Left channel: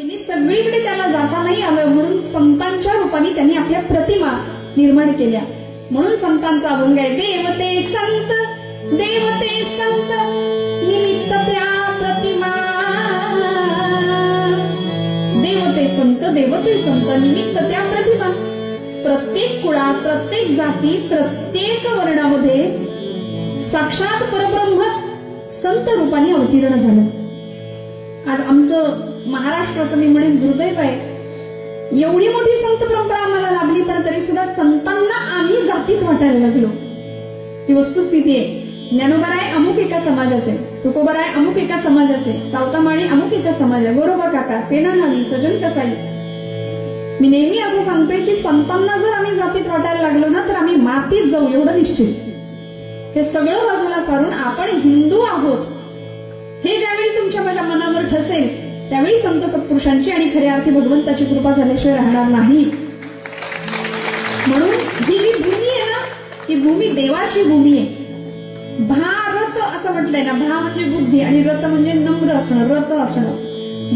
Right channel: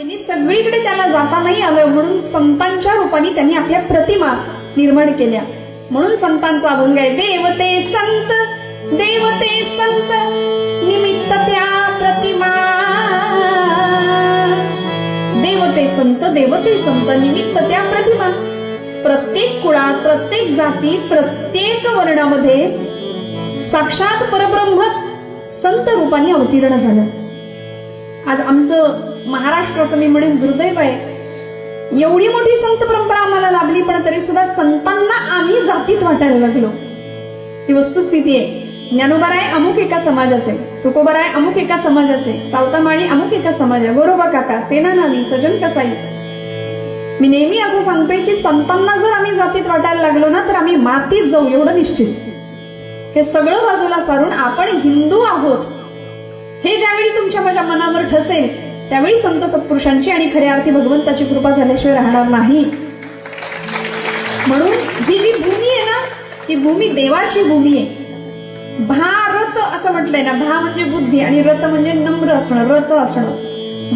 त्यांनी सगळीकडे त्याला जाता नाही आलं म्हणून संतांच्या रूपाने त्यांनी आपल्या प्रतिमा निर्माण केल्या. म्हणून संतांचा अभंग आहे, देवते संत निमित्त त्या प्रतिमा. देवते संत निमित्त त्या प्रतिमा. प्रत्येक कुळात, प्रत्येक जाती, प्रत्येक वर्णामध्ये साक्षात परब्रह्मच संत रूपाने अवतीर्ण झालं. आज आमचं महाराष्ट्राचं मी म्हणेन दुर्दैव आहे, एवढी मोठी संत परंपरा आम्हाला लाभली पण तरी सुद्धा संतांना आम्ही जातीत वाटायला लागलो. ही वस्तुस्थिती आहे. ज्ञानोबाराय अमुक एका समाजाचे, तुकोबाराय अमुक एका समाजाचे, सावतामाळी अमुक एका समाजा, गोरोबा काका, सेनानावी, सजन कसाई. मी नेहमी असं सांगतोय की संतांना जर आम्ही जातीत वाटायला लागलो ना तर आम्ही मातीत जाऊ, एवढं निश्चित. हे सगळं बाजूला सारून आपण हिंदू आहोत हे ज्यावेळी तुमच्या माझ्या मनावर ठसेल त्यावेळी संत सत्पुरुषांची आणि खऱ्या अर्थी भगवंताची कृपा झाल्याशिवाय राहणार नाही. म्हणून ही जी भूमी आहे ना, ही भूमी देवाची भूमी आहे. भारत असं म्हटलंय ना, भा म्हणजे बुद्धी आणि रथ म्हणजे नम्र असणं, रथ असणं.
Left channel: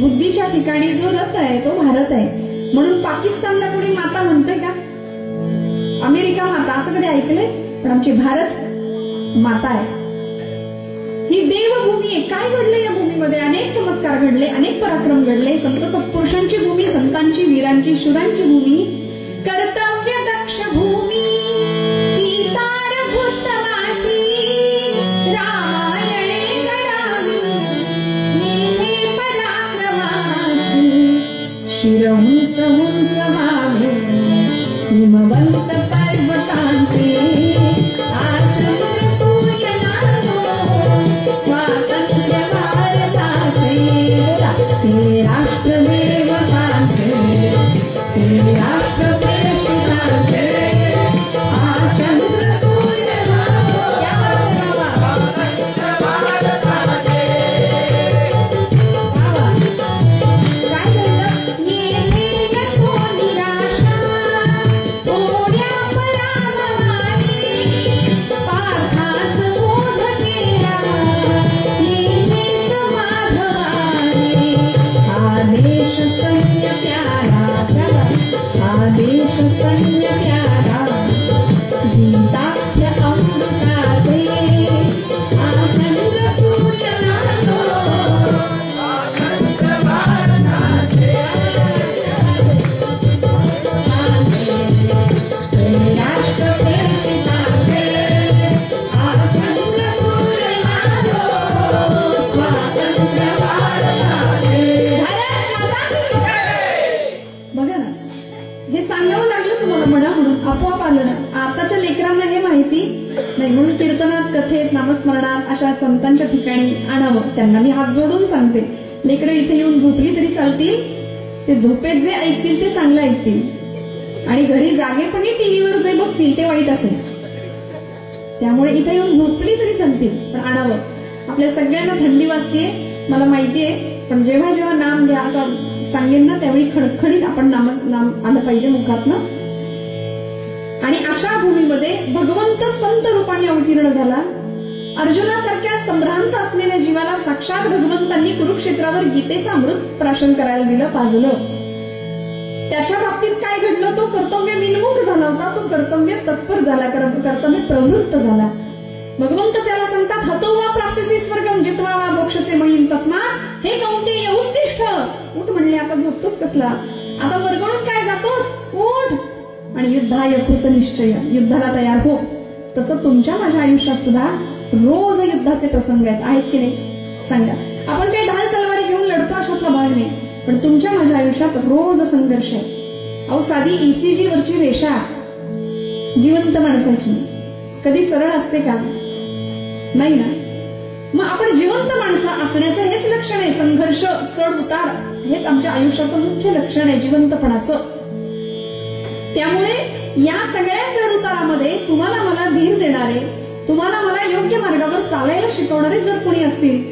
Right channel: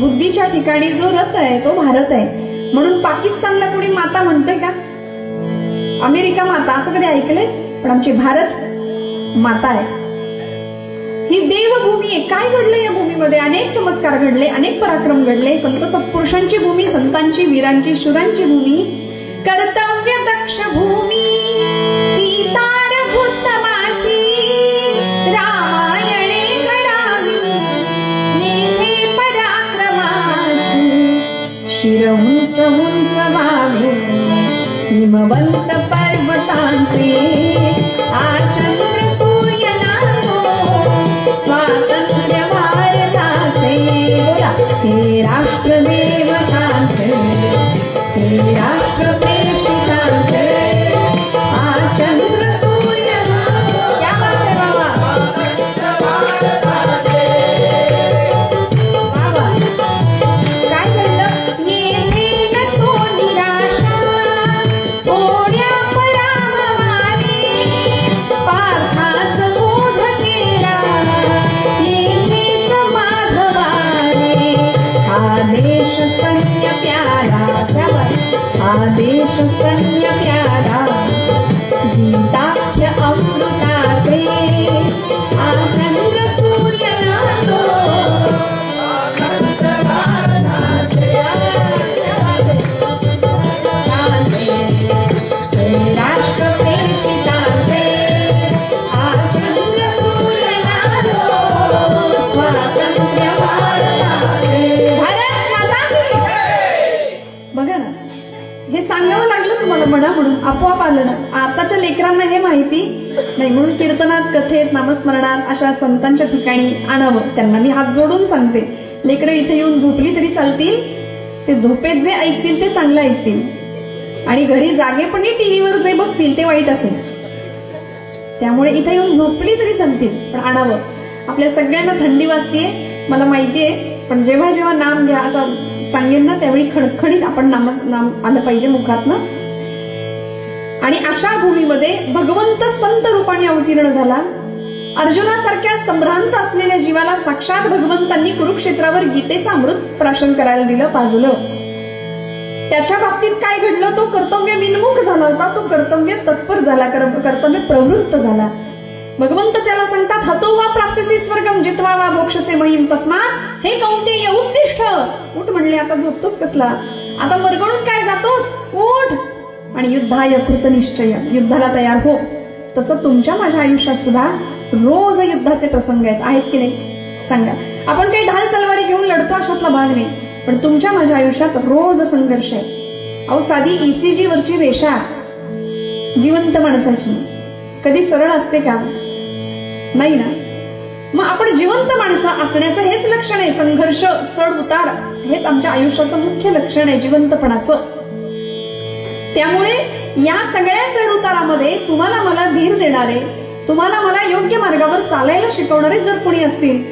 बुद्धीच्या ठिकाणी जो रथ आहे तो भारत आहे. म्हणून पाकिस्तानला कोणी माता म्हणतंय का? अमेरिका माता असं कधी ऐकलंय? पण आमची भारत माता आहे. ही देवभूमी आहे. काय घडलं या भूमीमध्ये? अनेक चमत्कार घडले, अनेक पराक्रम घडले. संत सत्पुरुषांची भूमी, संतांची, वीरांची, शूरांची भूमी, कर्तव्य दक्ष भूमी, सीतारभूतमाची रामायणे घडावी, येथे पराक्रमाची शिर उंच उंच व्हावे, हिमवंत पर्वतांचे आचंद्र सूर्य स्वातंत्र्य भारताचे. बोला, हे राष्ट्र देवतांचे, हे राष्ट्र प्रेषितांचे आचंद्र सूर्य. क्या बात आहे भारताचे. बाबा काय म्हणतं? येथे नसो निराशा, थोड्या पराभवाने पार्थास बोध केला, येथेच माधवाने आदेश स्तन्य प्यारा. आदेश स्तन्य प्यारा, गीताख्य अमृताचे आचंद्र सूर्य नांदो, स्वातंत्र्य भारताचे राष्ट्र प्रेषिताचे आचंद्र सूर्य नांदो, स्वातंत्र्य भारताचे. भारत माता की. बघा ना, हे सांगावं लागलं तुम्हाला म्हणा म्हणून आपोआप आलं ना. आताच्या लेकरांना हे माहिती नाही म्हणून कीर्तनात, कथेत, नामस्मरणात अशा संतांच्या ठिकाणी आणावं. त्यांना मी हात जोडून सांगते, लेकरं इथे येऊन झोपली तरी चालतील, ते झोपेत जे ऐकतील ते चांगलं ऐकतील आणि घरी जागेपणी टीव्हीवर जे बघतील ते वाईट असेल. त्यामुळे इथे येऊन झोपली तरी चालतील पण आणावं. आपल्या सगळ्यांना थंडी वाजतीये मला माहितीये, पण जेव्हा जेव्हा नाम घ्या असं सांगेन ना त्यावेळी खणखणीत आपण नाम आलं पाहिजे मुखातनं. आणि अशा भूमीमध्ये भगवंत संत रूपाने अवतीर्ण झाला. अर्जुनासारख्या संभ्रांत असलेल्या जीवाला साक्षात भगवंतांनी कुरुक्षेत्रावर गीतेचं अमृत प्राशन करायला दिलं, पाजलं. त्याच्या बाबतीत काय घडलं? तो कर्तव्य विन्मुख झाला होता, तो कर्तव्य तत्पर झाला, कर्तव्य प्रवृत्त झाला. भगवंत त्याला सांगतात, हतो वा प्राप्स्यसि स्वर्गम जित्वा वा मोक्षसे महिम तस्मात् हे कौंतेय उत्तिष्ठ. उठ म्हणले, आता झोपतोस कसला? आता मरगळून काय जातोस? उठ आणि युद्धाय कृतनिश्चय, युद्धाला तयार हो. तसं तुमच्या माझ्या आयुष्यात सुद्धा रोज युद्धाचे प्रसंग आहेत की नाही? सांगा. आपण काही ढाल तलवारी घेऊन लढतो अशातला भाग नाही, पण तुमच्या माझ्या आयुष्यात रोज संघर्ष आहे. अहो, साधी ECG वरची रेषा जिवंत माणसाची कधी सरळ असते का? नाही ना. मग आपण जिवंत माणसं असण्याचं हेच लक्षण आहे. संघर्ष, चढ उतार हेच आमच्या आयुष्याचं मुख्य लक्षण आहे, जिवंतपणाचं. त्यामुळे या सगळ्या चढ उतारामध्ये तुम्हाला मला धीर देणारे, तुम्हाला मला योग्य मार्गावर चालायला शिकवणारे जर कोणी असतील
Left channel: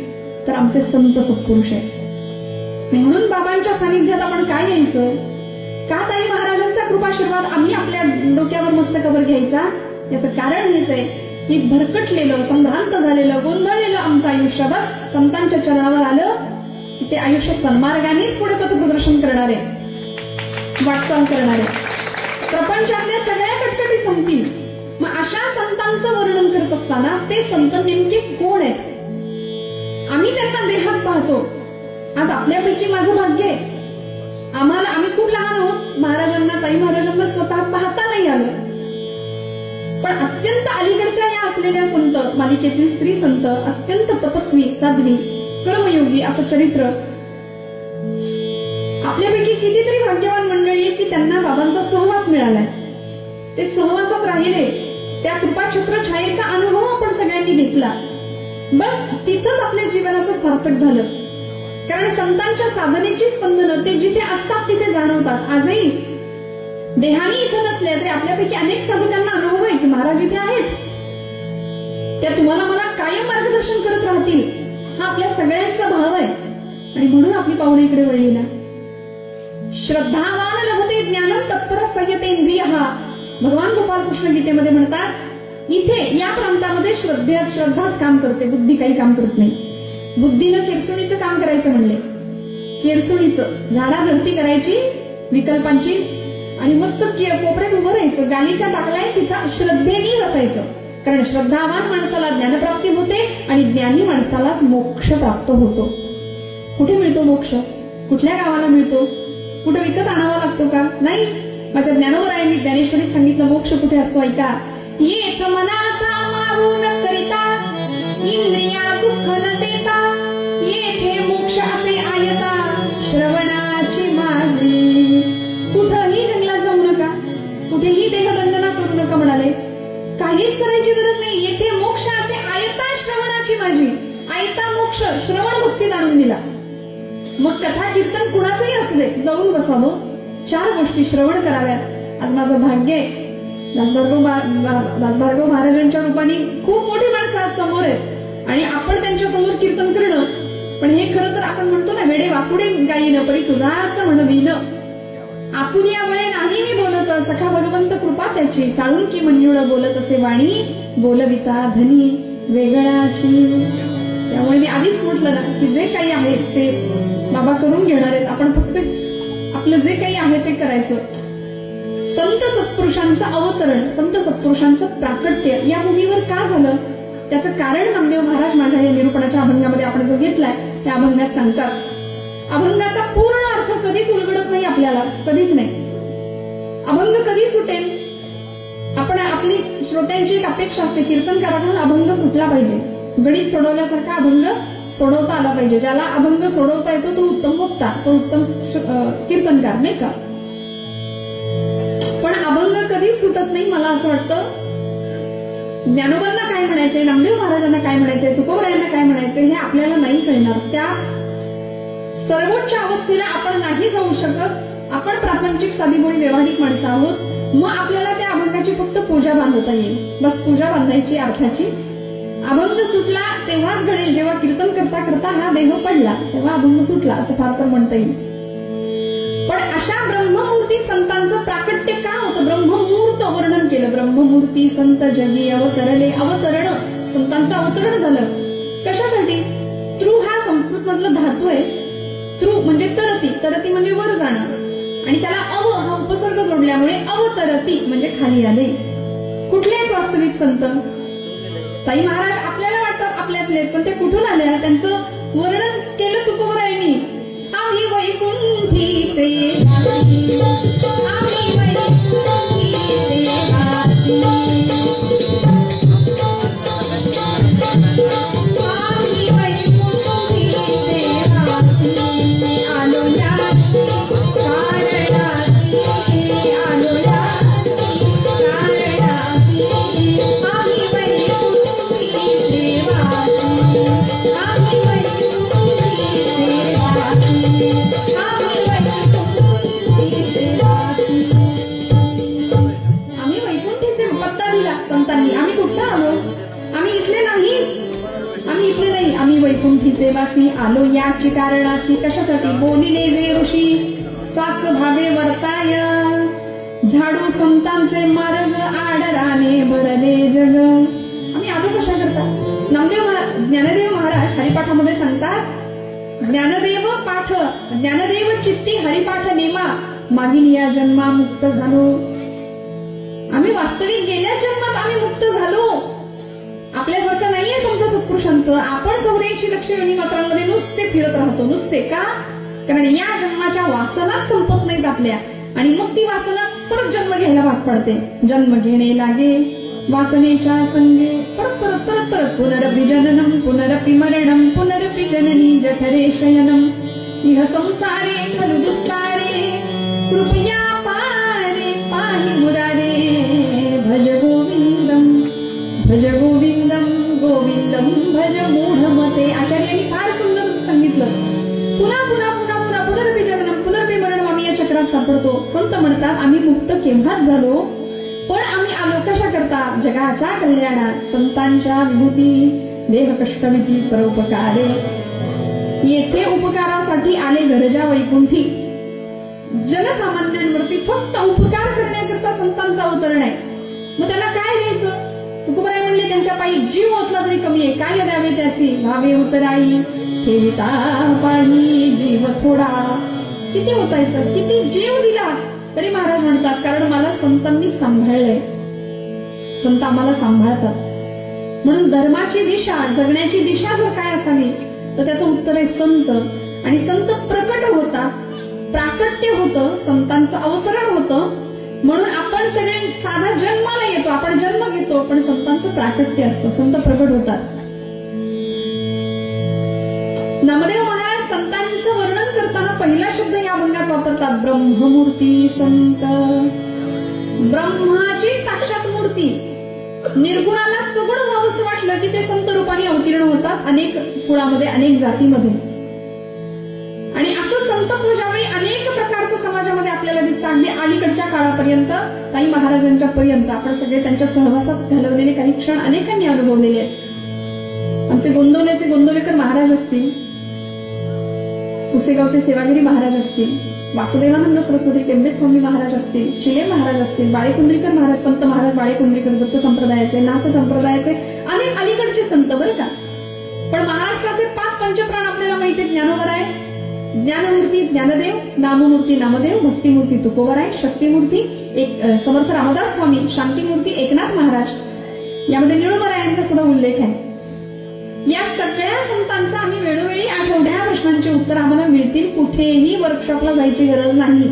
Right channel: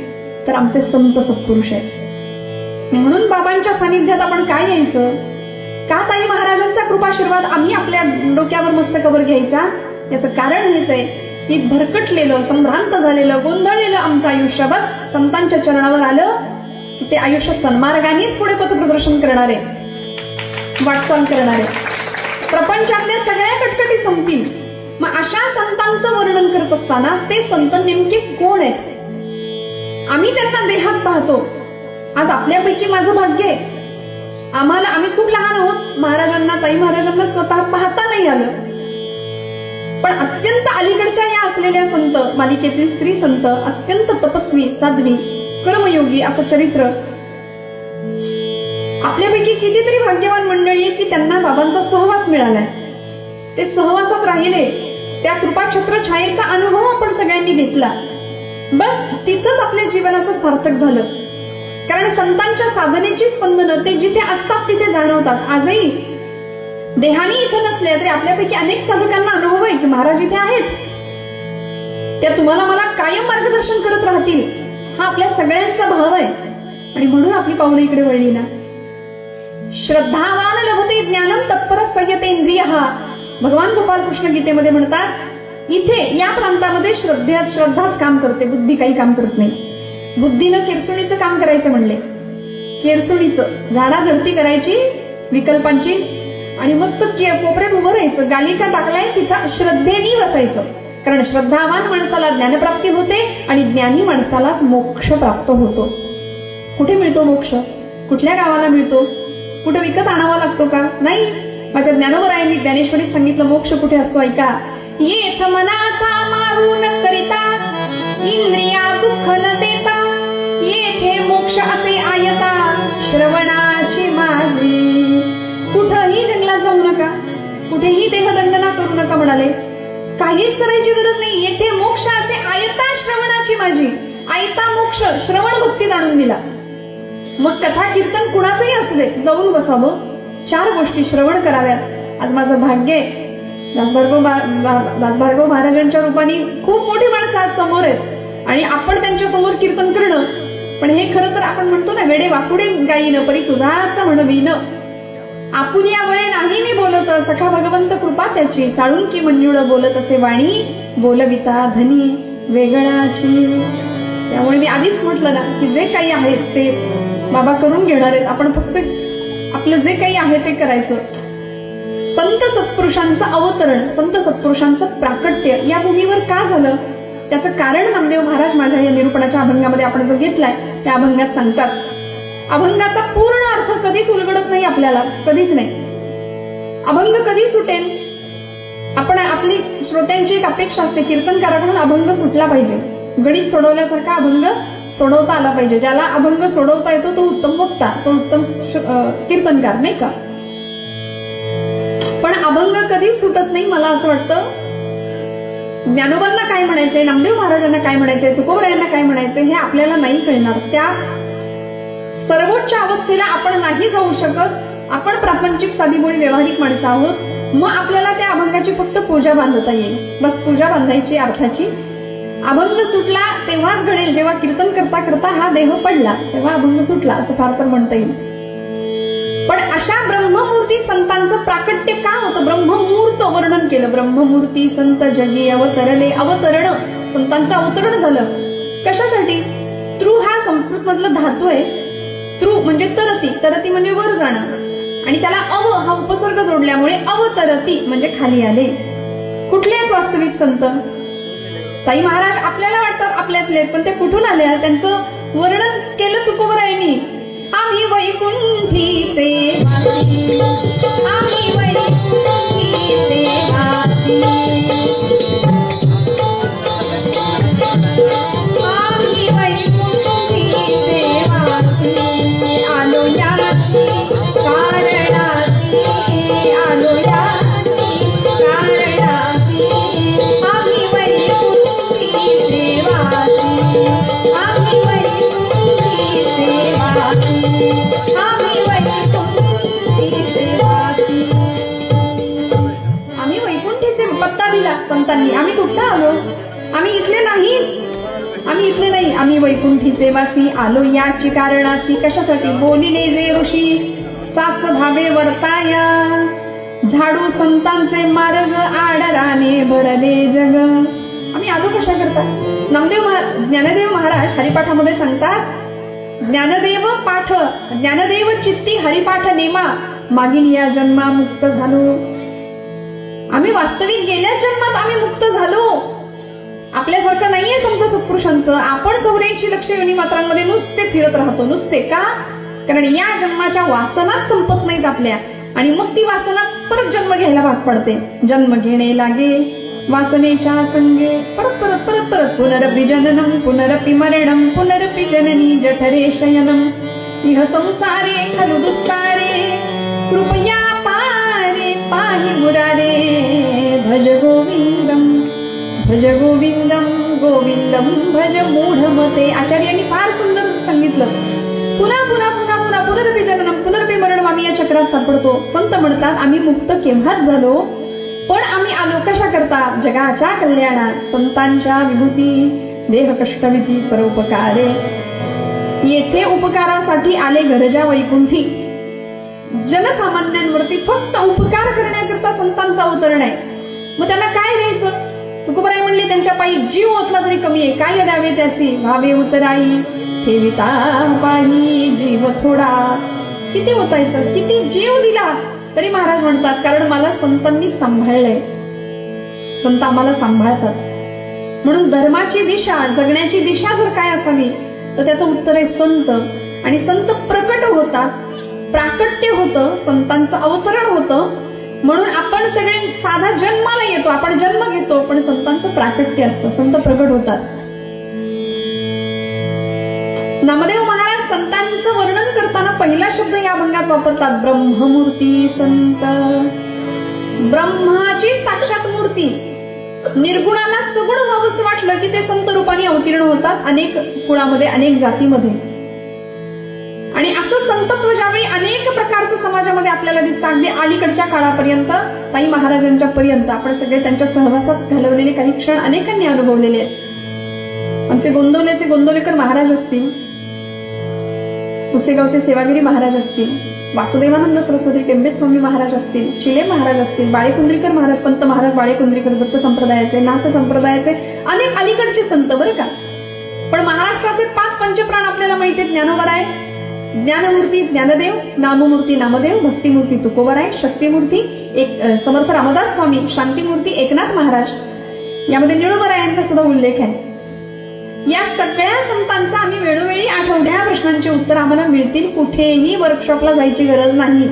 तर आमचे संत सत्पुरुष आहेत. म्हणून बाबांच्या सानिध्यात आपण काय यायचं? का ताई महाराजांचा कृपाशीर्वाद आम्ही आपल्या डोक्यावर मस्तकावर घ्यायचा? याचं कारण हेच आहे की भरकटलेलं, संभ्रांत झालेलं, गोंधळलेलं आमचं आयुष्य बस संतांच्या चरणावर आलं की ते आयुष्य सन्मार्गानेच पुढे पथप्रदर्शन करणारे, वाटचाल करणारे, प्रपंचातल्या सगळ्या कटकटी संपतील. मग अशा संतांचं वर्णन करत असताना ते संत नेमके कोण आहेत? आम्ही त्यांना देहात पाहतो. आज आपल्यापैकी माझं भाग्य आहे, आम्ही खूप लहान आहोत, महाराजांना, ताई महाराजांना स्वतः पाहता नाही आलं. पण अत्यंत अलीकडच्या या असलेल्या संत मालिकेतील स्त्री संत, अत्यंत तपस्वी, साध्वी, कर्मयोगी असं चरित्र, आपल्यापैकी कितीतरी भाग्यवान मंडळी आहे की त्यांना बाबांचा सहवास मिळालाय. ते सहवासात राहिले, त्या कृपाछत्र छायेचा अनुभव आपण सगळ्यांनी घेतला. बस तिथंच आपल्या जीवनाचं सार्थक झालं. कारण संतांच्या साधनेची स्पंदनं ते जिथे असतात तिथे जाणवतात. आजही देहानी इथं नसले तरी आपल्यापैकी अनेक साधकांना अनुभव आहे की महाराज इथे आहेत, त्या तुम्हाला मला कायम मार्गदर्शन करत राहतील, हा आपल्या सगळ्यांचा भाव आहे. आणि म्हणून आपली पावलं इकडे वळली ना. श्रद्धावान लभते ज्ञानम तत्पर संयतेंद्रियः, भगवान गोपाल कृष्ण गीतेमध्ये म्हणतात, इथे या प्रांतामध्ये श्रद्धाच काम करते, बुद्धी काही काम करत नाही. बुद्धीनं केरसुणीचं काम करायचं म्हणले, केरसुणीचं झाडाझडती करायची विकल्पांची, आणि मस्त कोपऱ्यात उभं राहायचं, गालीच्या टाकलाय तिथं श्रद्धेने बसायचं. कारण श्रद्धावान माणसाला ज्ञानप्राप्ती होते आणि ज्ञानी माणसालाच मोक्ष प्राप्त होतो. कुठे मिळतो मोक्ष? कुठल्या गावाला मिळतो? कुठे विकत आणावा लागतो का? नाही. माझ्या ज्ञानोबरायांनी ज्ञानेश्वरीत सांगितलं मोक्ष कुठे असतो ऐका. येथ मनाचा मारून करिता, इंद्रिया दुःख न देता, येथे मोक्ष असे आयता, श्रवणाची माझी. कुठंही जंगलात जाऊ नका, कुठेही देहदंडना करू नका म्हणाले. काहीच करायची गरज नाही. येथे मोक्ष असे आयता, श्रवणाची माझी. आयता मोक्ष श्रवण भक्तीत आणून दिला. मग कथा कीर्तन कुणाचंही असू दे, जाऊन बसावं, 4 गोष्टी श्रवण कराव्यात. आज माझं भाग्य आहे, दासभार्गव महाराजांच्या रूपाने खूप मोठी माणसं आज समोर आहेत आणि आपण त्यांच्या समोर कीर्तन करणं. पण हे खरं तर आपण म्हणतो ना, वेडे वाकुडे गाईन परी तुझाच म्हणवीन, आपुल्या वळे नाही मी बोलत, सखा भगवंत कृपा त्याची, साळून की मंजुळ बोलत असे वाणी, बोलविता धनी वेगळाची. त्यामुळे मी आधीच म्हटलं ना की जे काही आहे ते बाबा करून घेणार आहेत, आपण फक्त आपलं जे काही आहे ते करायचं. संत सत्पुरुषांचं अवतरण, संत सत्पुरुषांचं प्राकट्य या भूमीवर का झालं त्याचं कारण नामदेव महाराज माझ्या या निरूपणाच्या अभंगामध्ये आपण जो घेतलाय त्या अभंगात सांगतात. अभंगाचा पूर्ण अर्थ कधीच उलगडत नाही आपल्याला, कधीच नाही. अभंग कधी सुटेल? आपण आपली श्रोत्यांची एक अपेक्षा असते, कीर्तनकाराकडून अभंग सुटला पाहिजे, गणित सोडवल्यासारखा अभंग सोडवता आला पाहिजे. ज्याला अभंग सोडवता येतो तो उत्तम वक्ता, तो उत्तम कीर्तनकार, नाही का? पण अभंग कधी सुटत नाही. मला असं वाटतं ज्ञानोबांना काय म्हणायचंय, नामदेव महाराजांना काय म्हणायचंय, तुकोबरायांना काय म्हणायचंय हे आपल्याला नाही कळणार. त्या सर्वोच्च अवस्थेला आपण नाही जाऊ शकत. आपण प्रापंचिक साधीभोळी व्यावहारिक माणसं आहोत. मग आपल्याला त्या अभंगाची फक्त पूजा बांधता येईल, बस पूजा बांधायची अर्थाची. अभंग सुटला तेव्हाच घडेल जेव्हा कीर्तन करता करता हा देह पडला, तेव्हा अभंग सुटला असं फार तर म्हणता येईल. पण अशा ब्रह्ममूर्ती संतांचं प्राकट्य का होतं? ब्रह्ममूर्त वर्णन केलं. ब्रह्ममूर्ती संत जगी अवतरले. अवतरण, संतांचं अवतरण झालं. कशासाठी? तृ हा संस्कृत मधलं धातू आहे. तृ म्हणजे तरती, तरती म्हणजे वर जाणं, आणि त्याला अव हा उपसर्ग जोडल्यामुळे अवतरती म्हणजे खाली आले. कुठले आहेत वास्तविक संत? ताई महाराज आपल्याला वाटतात आपल्यातले, पण ते कुठून आले? त्यांचं वर्णन केलं तुकोबरायांनी. आम्ही वैकुंठीचे वासी, आम्ही वैकुंठीचे वासी, आम्ही वैकुंठीचे वासी, आलो याची कारणासी, आलो याची कारणासी, आम्ही वैकुंठीचे वासी, आम्ही वैकुंठीचे वासी, आम्ही वैकुंठीचे वासी. आम्ही वैकुंठीचे पत्ता दिला संतांनी. आम्ही कुठला आलो? आम्ही इथले नाहीच, आम्ही इथले नाही. आम्ही वैकुंठीचे वासी, आलो याची कारणासी. कशासाठी? बोलिले जे ऋषी साच भावे वर्ताया, झाडू संतांचे मार्ग आडराने भरले जग. आम्ही आलो कशा करता? ज्ञानदेव महाराज हरिपाठामध्ये सांगतात, ज्ञानदेव पाठ, ज्ञानदेव चित्ती हरिपाठ नेमा, मागील या जन्मा मुक्त झालो. आम्ही वास्तविक गेल्या जन्मात आम्ही मुक्त झालो. आपल्यासारखं नाहीये संत सत्पुरुषांचं. आपण 84 लक्ष योनी मात्रांमध्ये नुसते फिरत राहतो. नुसते का? कारण या जन्माच्या वासनाच संपत नाहीत आपल्या, आणि मग ती वासना परत जन्म घ्यायला भाग पडते. जन्म घेणे लागे वासनेच्या संगे, परत परत परत परत पुनरपि जननम पुनरपि मरणम पुनरपि जननी जठरे शयनम, इह संसारे खलु दुस्तारे कृपया पारे पाहि मुरारे, भज गोविंदम भज गोविंदम गोविंदम भज मूढमते. आचार्यांनी फार सुंदर सांगितलं. पुन्हा पुन्हा पुन्हा पुन्हा पुनरपि जननम पुनरपि मरणम आम्ही या चक्रात सापडतो. संत म्हणतात आम्ही मुक्त केव्हाच झालो, पण आम्ही आलो कशा करता? जगाच्या कल्याणात. संतांच्या विभूती देह कष्टविती परोपकारे. येथे उपकारासाठी आले गरजा वैकुंठी. जनसामान्यांवरती फक्त उपकार करण्याकरता संतांचा अवतरण आहे. मग त्यांना काय द्यायचं? तुकोबाराय म्हणले त्यांच्या पायी जीव ओतला तरी कमी आहे. काय द्यावे त्यासी? भावे उतराई ठेविता पाही जीव थोडा. किती ओतायचं? किती जीव दिला तरी महाराज म्हणतात कारण मला संतांनी सांभाळलंय. संत आम्हाला सांभाळतात. म्हणून धर्माची दिशा, जगण्याची दिशा जर काय असावी तर त्याचं उत्तर आहे संत. आणि संत प्रकट होतात, प्राकट्य होतं, संतांचं अवतरण होतं. म्हणून आपण सगळे साधा जन्माला येतो, आपण जन्म घेतो, पण संतांचं प्राकट्य असतं, संत प्रकट होतात. नामदेव महाराज संतांचं वर्णन करताना पहिला शब्द या अभंगात वापरतात, ब्रह्ममूर्ती संत. ब्रह्माची साक्षात मूर्ती. निर्गुणाला सगुण व्हावंसं वाटलं की ते संत रूपाने अवतीर्ण होतात अनेक कुळामध्ये, अनेक जातीमध्ये. आणि असं संतत्व ज्यावेळी अनेक प्रकारचं समाजामध्ये आपल्याला दिसतं, अगदी अलीकडच्या काळापर्यंत ताई महाराजांच्या पर्यंत आपण सगळे त्यांच्या सहवासात घालवलेले काही क्षण अनेकांनी अनुभवलेले आहेत. आमचे गोंदवलेचे गोंदवलेकर महाराज असतील, पुसेगावचे सेवागिरी महाराज असतील, वासुदेवानंद सरस्वती टेंबे स्वामी महाराज असतील, चिले महाराज असतील, बाळेकुंद्रीकर महाराज, पंत महाराज बाळेकुंद्रीकर, दत्त संप्रदायाचे, नाथ संप्रदायाचे अनेक अलीकडचे संत बरं का. पण महाराष्ट्राचे 5 पंचप्राण आपल्याला माहिती आहेत. ज्ञानोबराय, ज्ञानमूर्ती ज्ञानदेव, नाममूर्ती नामदेव, भक्तिमूर्ती तुकोबराय, शक्तिमूर्ती समर्थ रामदास स्वामी, शांतीमूर्ती एकनाथ महाराज. यामध्ये निळोबरायांचा सुद्धा उल्लेख आहे. या सगळ्या संतांचा आम्ही वेळोवेळी आठवड्या प्रश्नांची उत्तर आम्हाला मिळतील. कुठेही वर्कशॉपला जायची गरज नाही.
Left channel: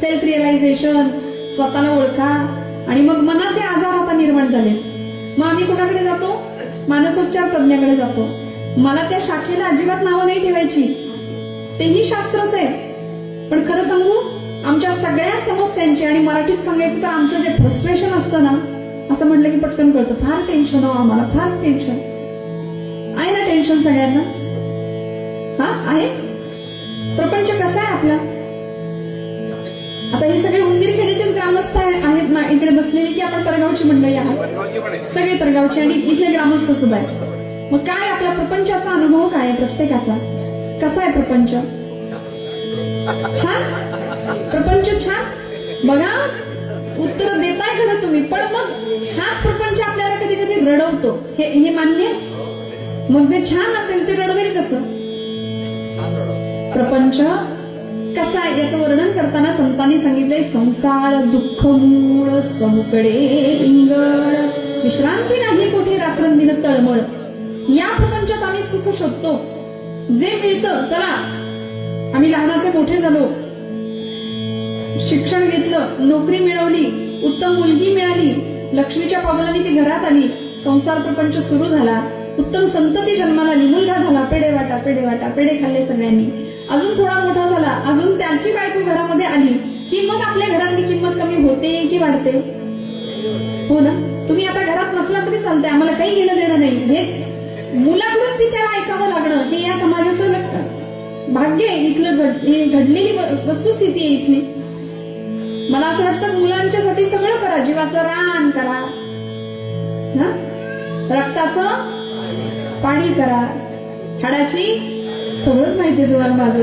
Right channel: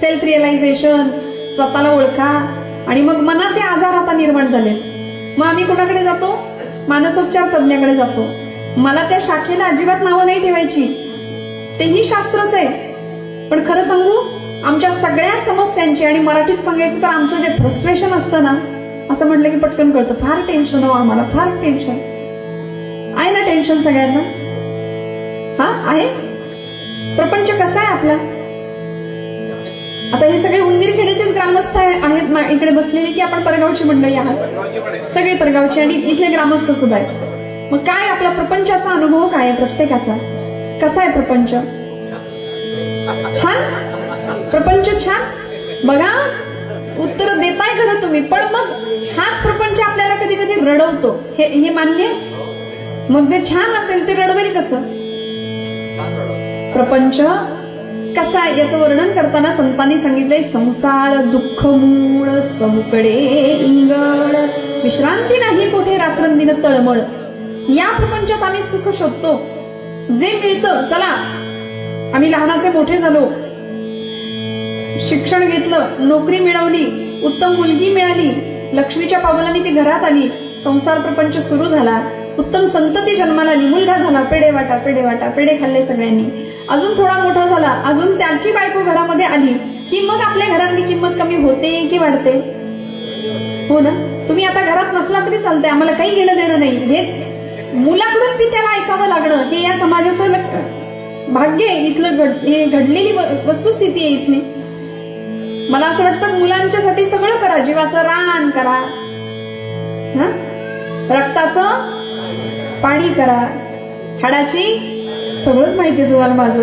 सेल्फ रिअलायझेशन, स्वतःला ओळखा. आणि मग मनाचे आजार आता निर्माण झालेत. मग आम्ही कोणाकडे जातो? मानसोपचार तज्ञाकडे जातो. मला त्या शाखेला अजिबात नावं नाही ठेवायची, तेही शास्त्रच आहे. पण खरं सांगू, आमच्या सगळ्या समस्यांची, आणि मराठीत सांगायचं तर आमचं जे फ्रस्ट्रेशन असतं ना, असं म्हटलं की पटकन कळतं, फार टेन्शन हो आम्हाला, फार टेन्शन आहे ना. टेन्शन सगळ्यांना हा आहे. प्रपंच कसा आहे आपला? आता हे सगळे उंदीरखेड्याचेच ग्रामस्थ आहेत इकडे बसलेले, की आपण परगावची मंडळी आहात? सगळे परगावची आणि इथले ग्रामस्थ सुद्धा आहेत. मग काय आपला प्रपंचाचा अनुभव काय आहे प्रत्येकाचा? कसा आहे प्रपंच? छान? प्रपंच छान? बघा, उत्तर देताय खरं तुम्ही, पण मग हाच प्रपंच आपल्याला कधी कधी रडवतो, हे मान्य? मग जे छान असेल ते रडवेल कसं? प्रपंच कसा आहे याचं वर्णन करताना संतांनी सांगितलंय, संसार दुःख मूळ चौकडे इंगळ, विश्रांती नाही कोठे रात्रंदिन तळमळ. या प्रपंचात आम्ही सुख शोधतो. जे मिळतं, चला आम्ही लहानाचे मोठे झालो, शिक्षण घेतलं, नोकरी मिळवली, उत्तम मुलगी मिळाली, लक्ष्मीच्या पावलांनी ती घरात आली, संसार प्रपंच सुरू झाला, उत्तम संतती जन्माला आली, मुलगा झाला, पेढे वाटा पेढे वाटा, पेढे खाल्ले सगळ्यांनी. अजून थोडा मोठा झाला, अजून त्याची बायको घरामध्ये आली की मग आपल्या घरातली किंमत कमी होते की वाढते? हो ना. तुम्ही आता घरात नसला तरी चालतंय, आम्हाला काही घेणं देणं नाही. हेच मुलाकडून ती त्याला ऐकावं लागणं, हे या समाजाचं भाग्य आहे. इथलं घडलेली वस्तुस्थिती आहे इथली. मला असं वाटतं मुलांच्यासाठी सगळं करा, जीवाचं रान करा, रक्ताचं पाणी करा, हाडाची सगळंच माहितीये तुम्हाला माझं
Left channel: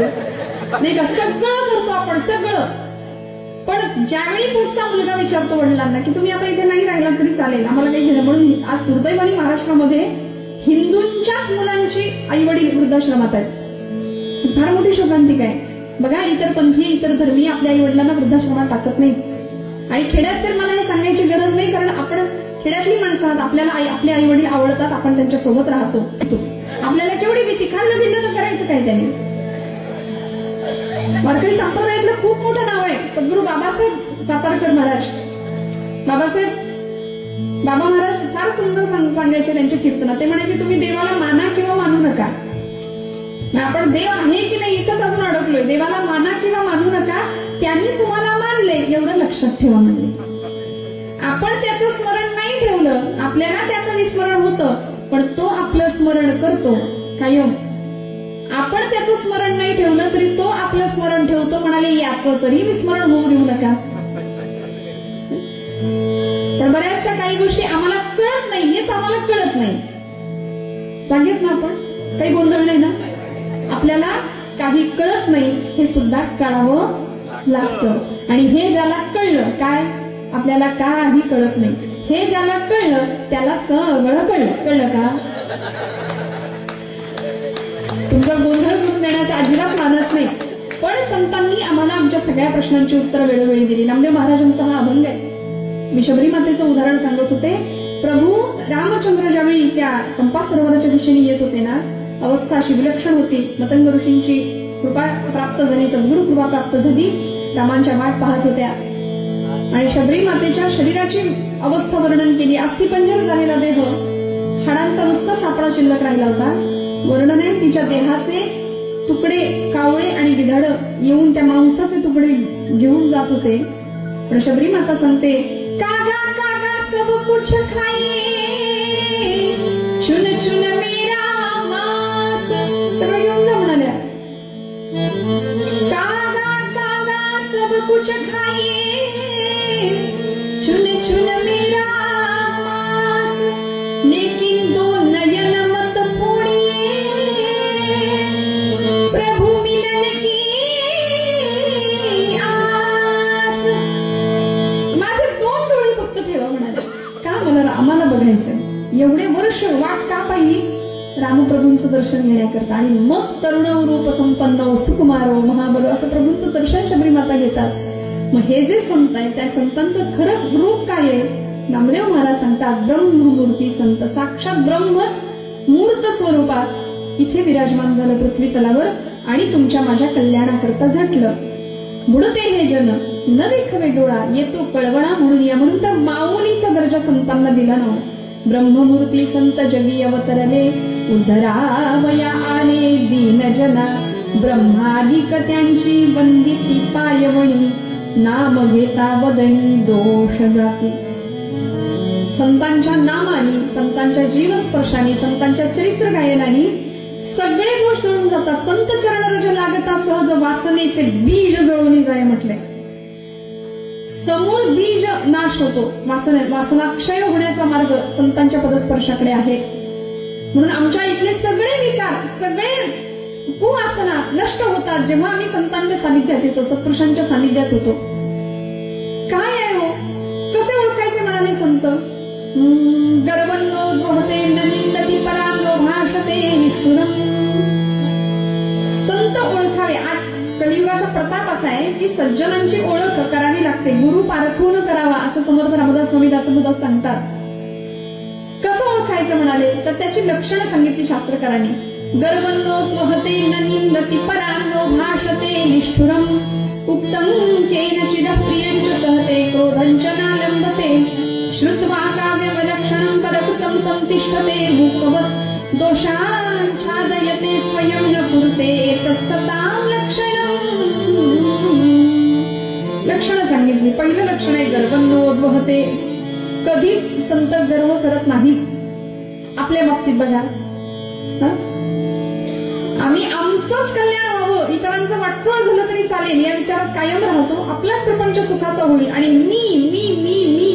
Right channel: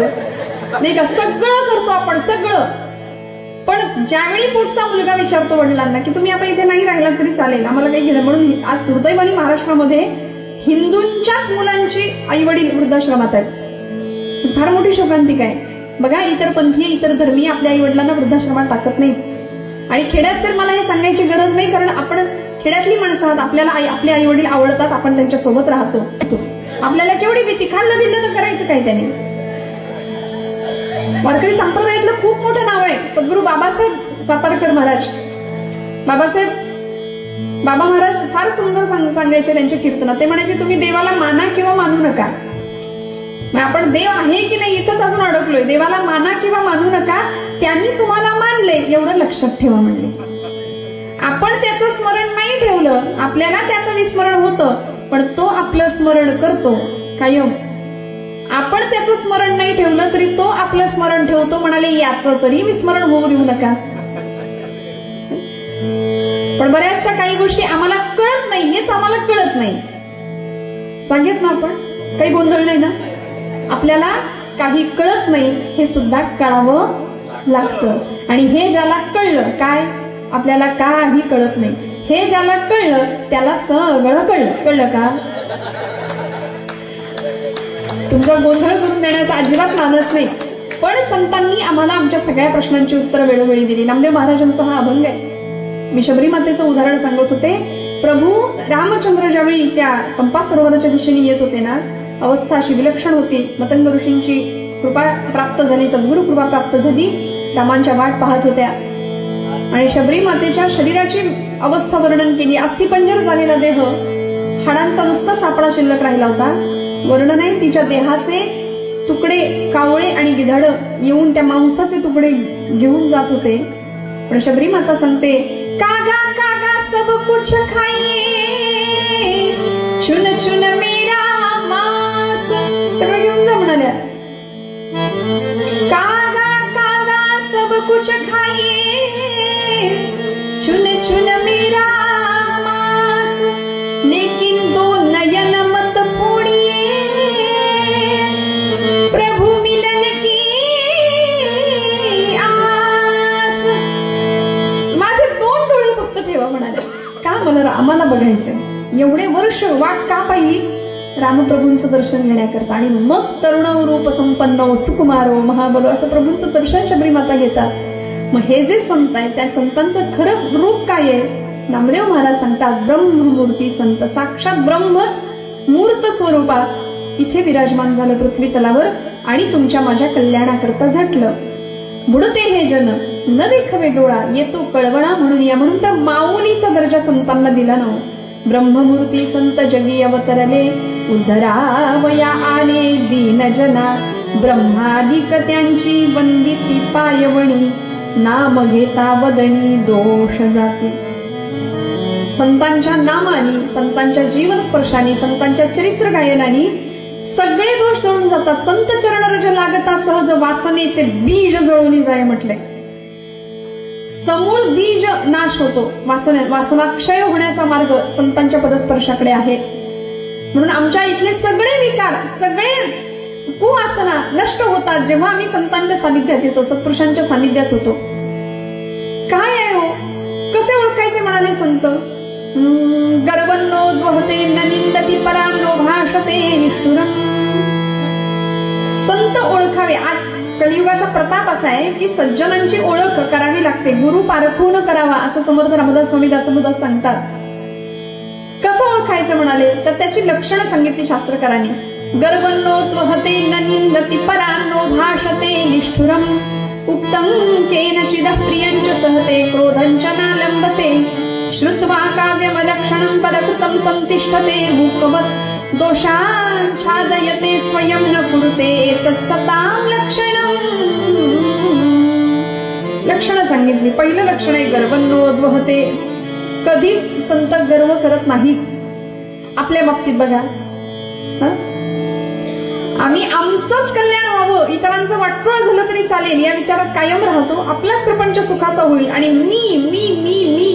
नाही का, सगळं करतो आपण सगळं. पण ज्यावेळी पुढचा मुलगा विचारतो वडिलांना की तुम्ही आता इथे नाही राहिला तरी चालेल, आम्हाला काही घेणं, म्हणून आज दुर्दैवाने महाराष्ट्रामध्ये हिंदूंच्याच मुलांची आई वडील वृद्धाश्रमात आहेत. फार मोठी शोकांतिका आहे. बघा, इतर पंथीय इतर धर्मीय आपल्या आई वडिलांना वृद्धाश्रमात टाकत नाहीत. आणि खेड्यात तर मला हे सांगायची गरज नाही, कारण आपण खेड्यातली माणसं आहात. आपल्याला आपले आई वडील आवडतात, आपण त्यांच्या सोबत राहतो. आपल्याला केवढी भीती, खाल्लं भिल्लं तर करायचं काय त्याने. वारकरी संप्रदायातलं खूप मोठं नाव आहे सद्गुरू बाबासाहेब सातारकर महाराज. बाबा महाराज फार सुंदर सांगायचे त्यांच्या कीर्तनात. ते म्हणायचे, तुम्ही देवाला माना किंवा मानू नका. आपण देव आहे की नाही इथंच अजून अडकलोय. देवाला माना किंवा मानू नका, त्यांनी तुम्हाला मानले एवढं लक्षात ठेवा म्हणले. आपण त्याचं स्मरण नाही ठेवलं, आपल्याला त्याचं विस्मरण होतं, पण तो आपलं स्मरण करतो कायम. आपण त्याचं स्मरण नाही ठेवलं तरी तो आपलं स्मरण ठेवतो. म्हणाले, याचं तरी विस्मरण होऊ देऊ नका. पण बऱ्याचशा काही गोष्टी आम्हाला कळत नाही, हेच आम्हाला कळत नाही. सांगित ना आपण, काही गोंधळ नाही ना. आपल्याला काही कळत नाही हे सुद्धा कळावं लागतं. आणि हे ज्याला कळलं, काय आपल्याला काही कळत नाही, हे ज्याला कळलं त्याला सगळं कळलं का. तुमचा गोंधळ करून देण्याचा अजिबात मानस नाही. पण संतांनी आम्हाला आमच्या सगळ्या प्रश्नांची उत्तरं वेळोवेळी दिली. नामदेव महाराजांचा हा अभंग आहे. मी शबरी मातेचं उदाहरण सांगत होते. प्रभू रामचंद्र ज्यावेळी त्या पंपा सरोवराच्या दिशेने येत होते ना, अवस्था अशी विलक्षण होती. मतंग ऋषींची कृपा प्राप्त झाली, सद्गुरू कृपा प्राप्त झाली. रामांच्या वाट पाहत होत्या आणि शबरी मातेच्या शरीराची अवस्था वर्णन केली. अस्थिपंजर झालेला देह, हाडांचा नुसता सापळा शिल्लक राहिला होता. वर्णन आहे तिच्या देहाचे तुकडे, कावळे आणि गिधाड येऊन त्या मांसाचे तुकडे घेऊन जात होते. पण शबरी माता सांगते, कागा कागा सब कुछ खाइए, चुन चुन मेरा मांस. सगळं घेऊन जा म्हणाल्या. कागा कागा सब कुछ खाइए, चुन चुन मेरा मांस, लेकिन दो नयन मत फोड़िए, प्रभु मिलन की आस. माझे 2 डोळे फक्त ठेवा म्हणाले. का, मला रामाला बघायचं. एवढे वर्ष वाट का पाहिली, रामप्रभूंचं दर्शन घेण्याकरता. आणि मग तरुण रूप संपन्न सुकुमारो महाबल असं प्रभूंचं दर्शन शबरी माता घेतात. मग हे जे संत आहेत त्या संतांचं खरं रूप काय आहे. नामदेव महाराज सांगतात, ब्रह्ममूर्ती संत, साक्षात ब्रह्मच मूर्त स्वरूपात इथे विराजमान झालं पृथ्वी तलावर आणि तुमच्या माझ्या कल्याणाकरता झटलं. बुडते हे जन न देखवे डोळा, येतो कळवणा म्हणून या. म्हणून त्या माऊलीचा दर्जा संतांना दिला ना. ब्रह्ममूर्ती संत जगी अवतरले, उद्धरावया आले दीन जना, ब्रह्मादिक त्यांची वंदिती पायवणी, नाम घेता वदनी दोष जाती. संतांच्या नामानी, संतांच्या जीवन स्पर्शानी, संतांच्या चरित्र गायनानी सगळे दोष जळून जातात. संत चरण रज लागता सहज, वासनेचे बीज जळून जाय म्हटले. समूळ बीज नाश होतो. वासना क्षय होण्याचा मार्ग संतांच्या पदस्पर्शाकडे आहे. म्हणून आमच्या इथले सगळे विकार, सगळे कुवासना नष्ट होतात जेव्हा आम्ही संतांच्या सानिध्यात येतो, सत्पुरुषांच्या सानिध्यात होतो. काय आहे हो, कसे ओळखायचे म्हणाले संत. गर्वन्नो द्वहते न निंदती परान्नो भाषते निष्ठुरम्. संत ओळखावे. आज कलियुगाचा प्रताप असा आहे की सज्जनांची ओळख करावी लागते. गुरु पारखून करावा असं समर्थ रामदास स्वामी दासबोधात सांगतात. कसं ओळखायचं म्हणाले तर त्याची लक्षणं सांगितली शास्त्रकारांनी. गर्वन्नो त्वहते न निंदती परान्नो भाषते निष्ठुरम्, उक्तं केनचिदः प्रियञ्च सहते क्रोधञ्च नालम्बते, श्रुत्वा काव्यमलक्षणं परकृतं संतिष्ठते मूकवत्, दोषाच्छादयते स्वयं न कुरुते तत्सतां लक्षणं. लक्षणं सांगितली. पहिलं लक्षण आहे गर्वन्नोद्वहते. कधीच संत गर्व करत नाही. आपल्या बाबतीत बघा, आम्ही आमचंच कल्याण व्हावं, इतरांचं वाटोळ झालं तरी चालेल या विचारात कायम राहतो. आपलाच प्रपंच सुखाचा होईल. आणि मी मी मी मी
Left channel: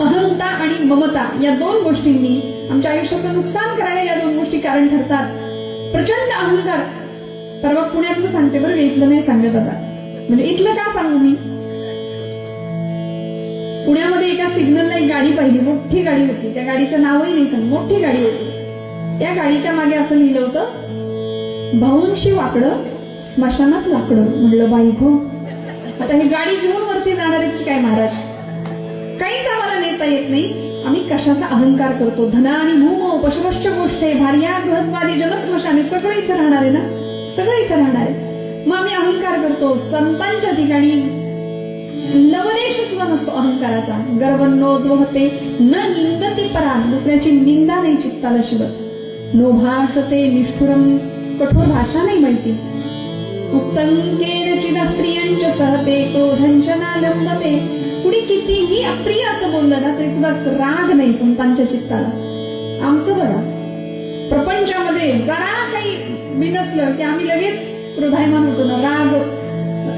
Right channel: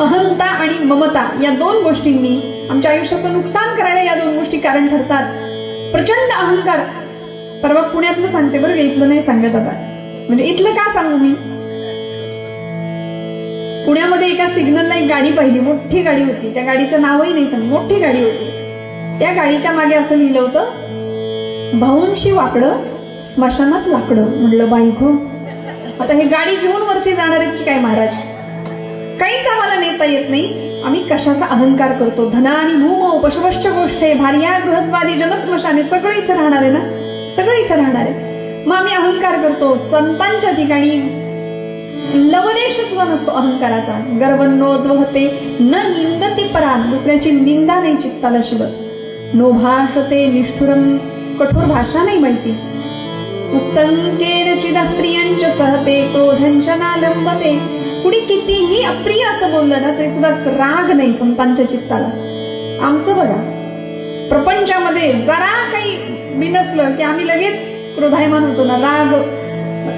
अहंता आणि ममता या 2 गोष्टींनी आमच्या आयुष्याचं नुकसान करायला या 2 गोष्टी कारण ठरतात. प्रचंड अहंकार. परवा पुण्यातलं सांगते बरं, इथलं नाही सांगत आता. म्हणजे इथलं का सांगू मी. पुण्यामध्ये एका सिग्नलला एक गाडी पाहिली, मोठी गाडी होती. त्या गाडीचं नावही नाही सांग, मोठी गाडी होती. त्या गाडीच्या मागे असं लिहिलं होतं, भाऊंशी वाकडं स्मशानात लाकडं. म्हणलं बाई गो, आता हे गाडी घेऊन वरती जाणार आहेत की काय महाराज? काहीच आम्हाला नेता येत नाही. आम्ही कशाचा अहंकार करतो? धनानी भूमो पशुपश्च गोष्टे भार्या गृहत्वादी जनस्मशाने सगळं इथं राहणार आहे ना, सगळं इथं राहणार आहे. मग आम्ही अहंकार करतो. संतांच्या ठिकाणी लवलेश सुद्धा नसतो अहंकाराचा. गर्वन्नोद्वहते न निंदते परान, दुसऱ्याची निंदा नाही चित्ताला शिवत. नो भाषते निष्ठुरम, कठोर भाषा नाही माहिती. उक्तंकेरचिद प्रियंच सहते क्रोधंच नालंबते. कुणी कितीही अप्रिय असं बोललं ना तरी सुद्धा राग नाही संतांच्या चित्ताला. आमचं बघा, प्रपंचामध्ये जरा काही बिनसलं की आम्ही लगेच क्रोधायमान होतो ना. राग,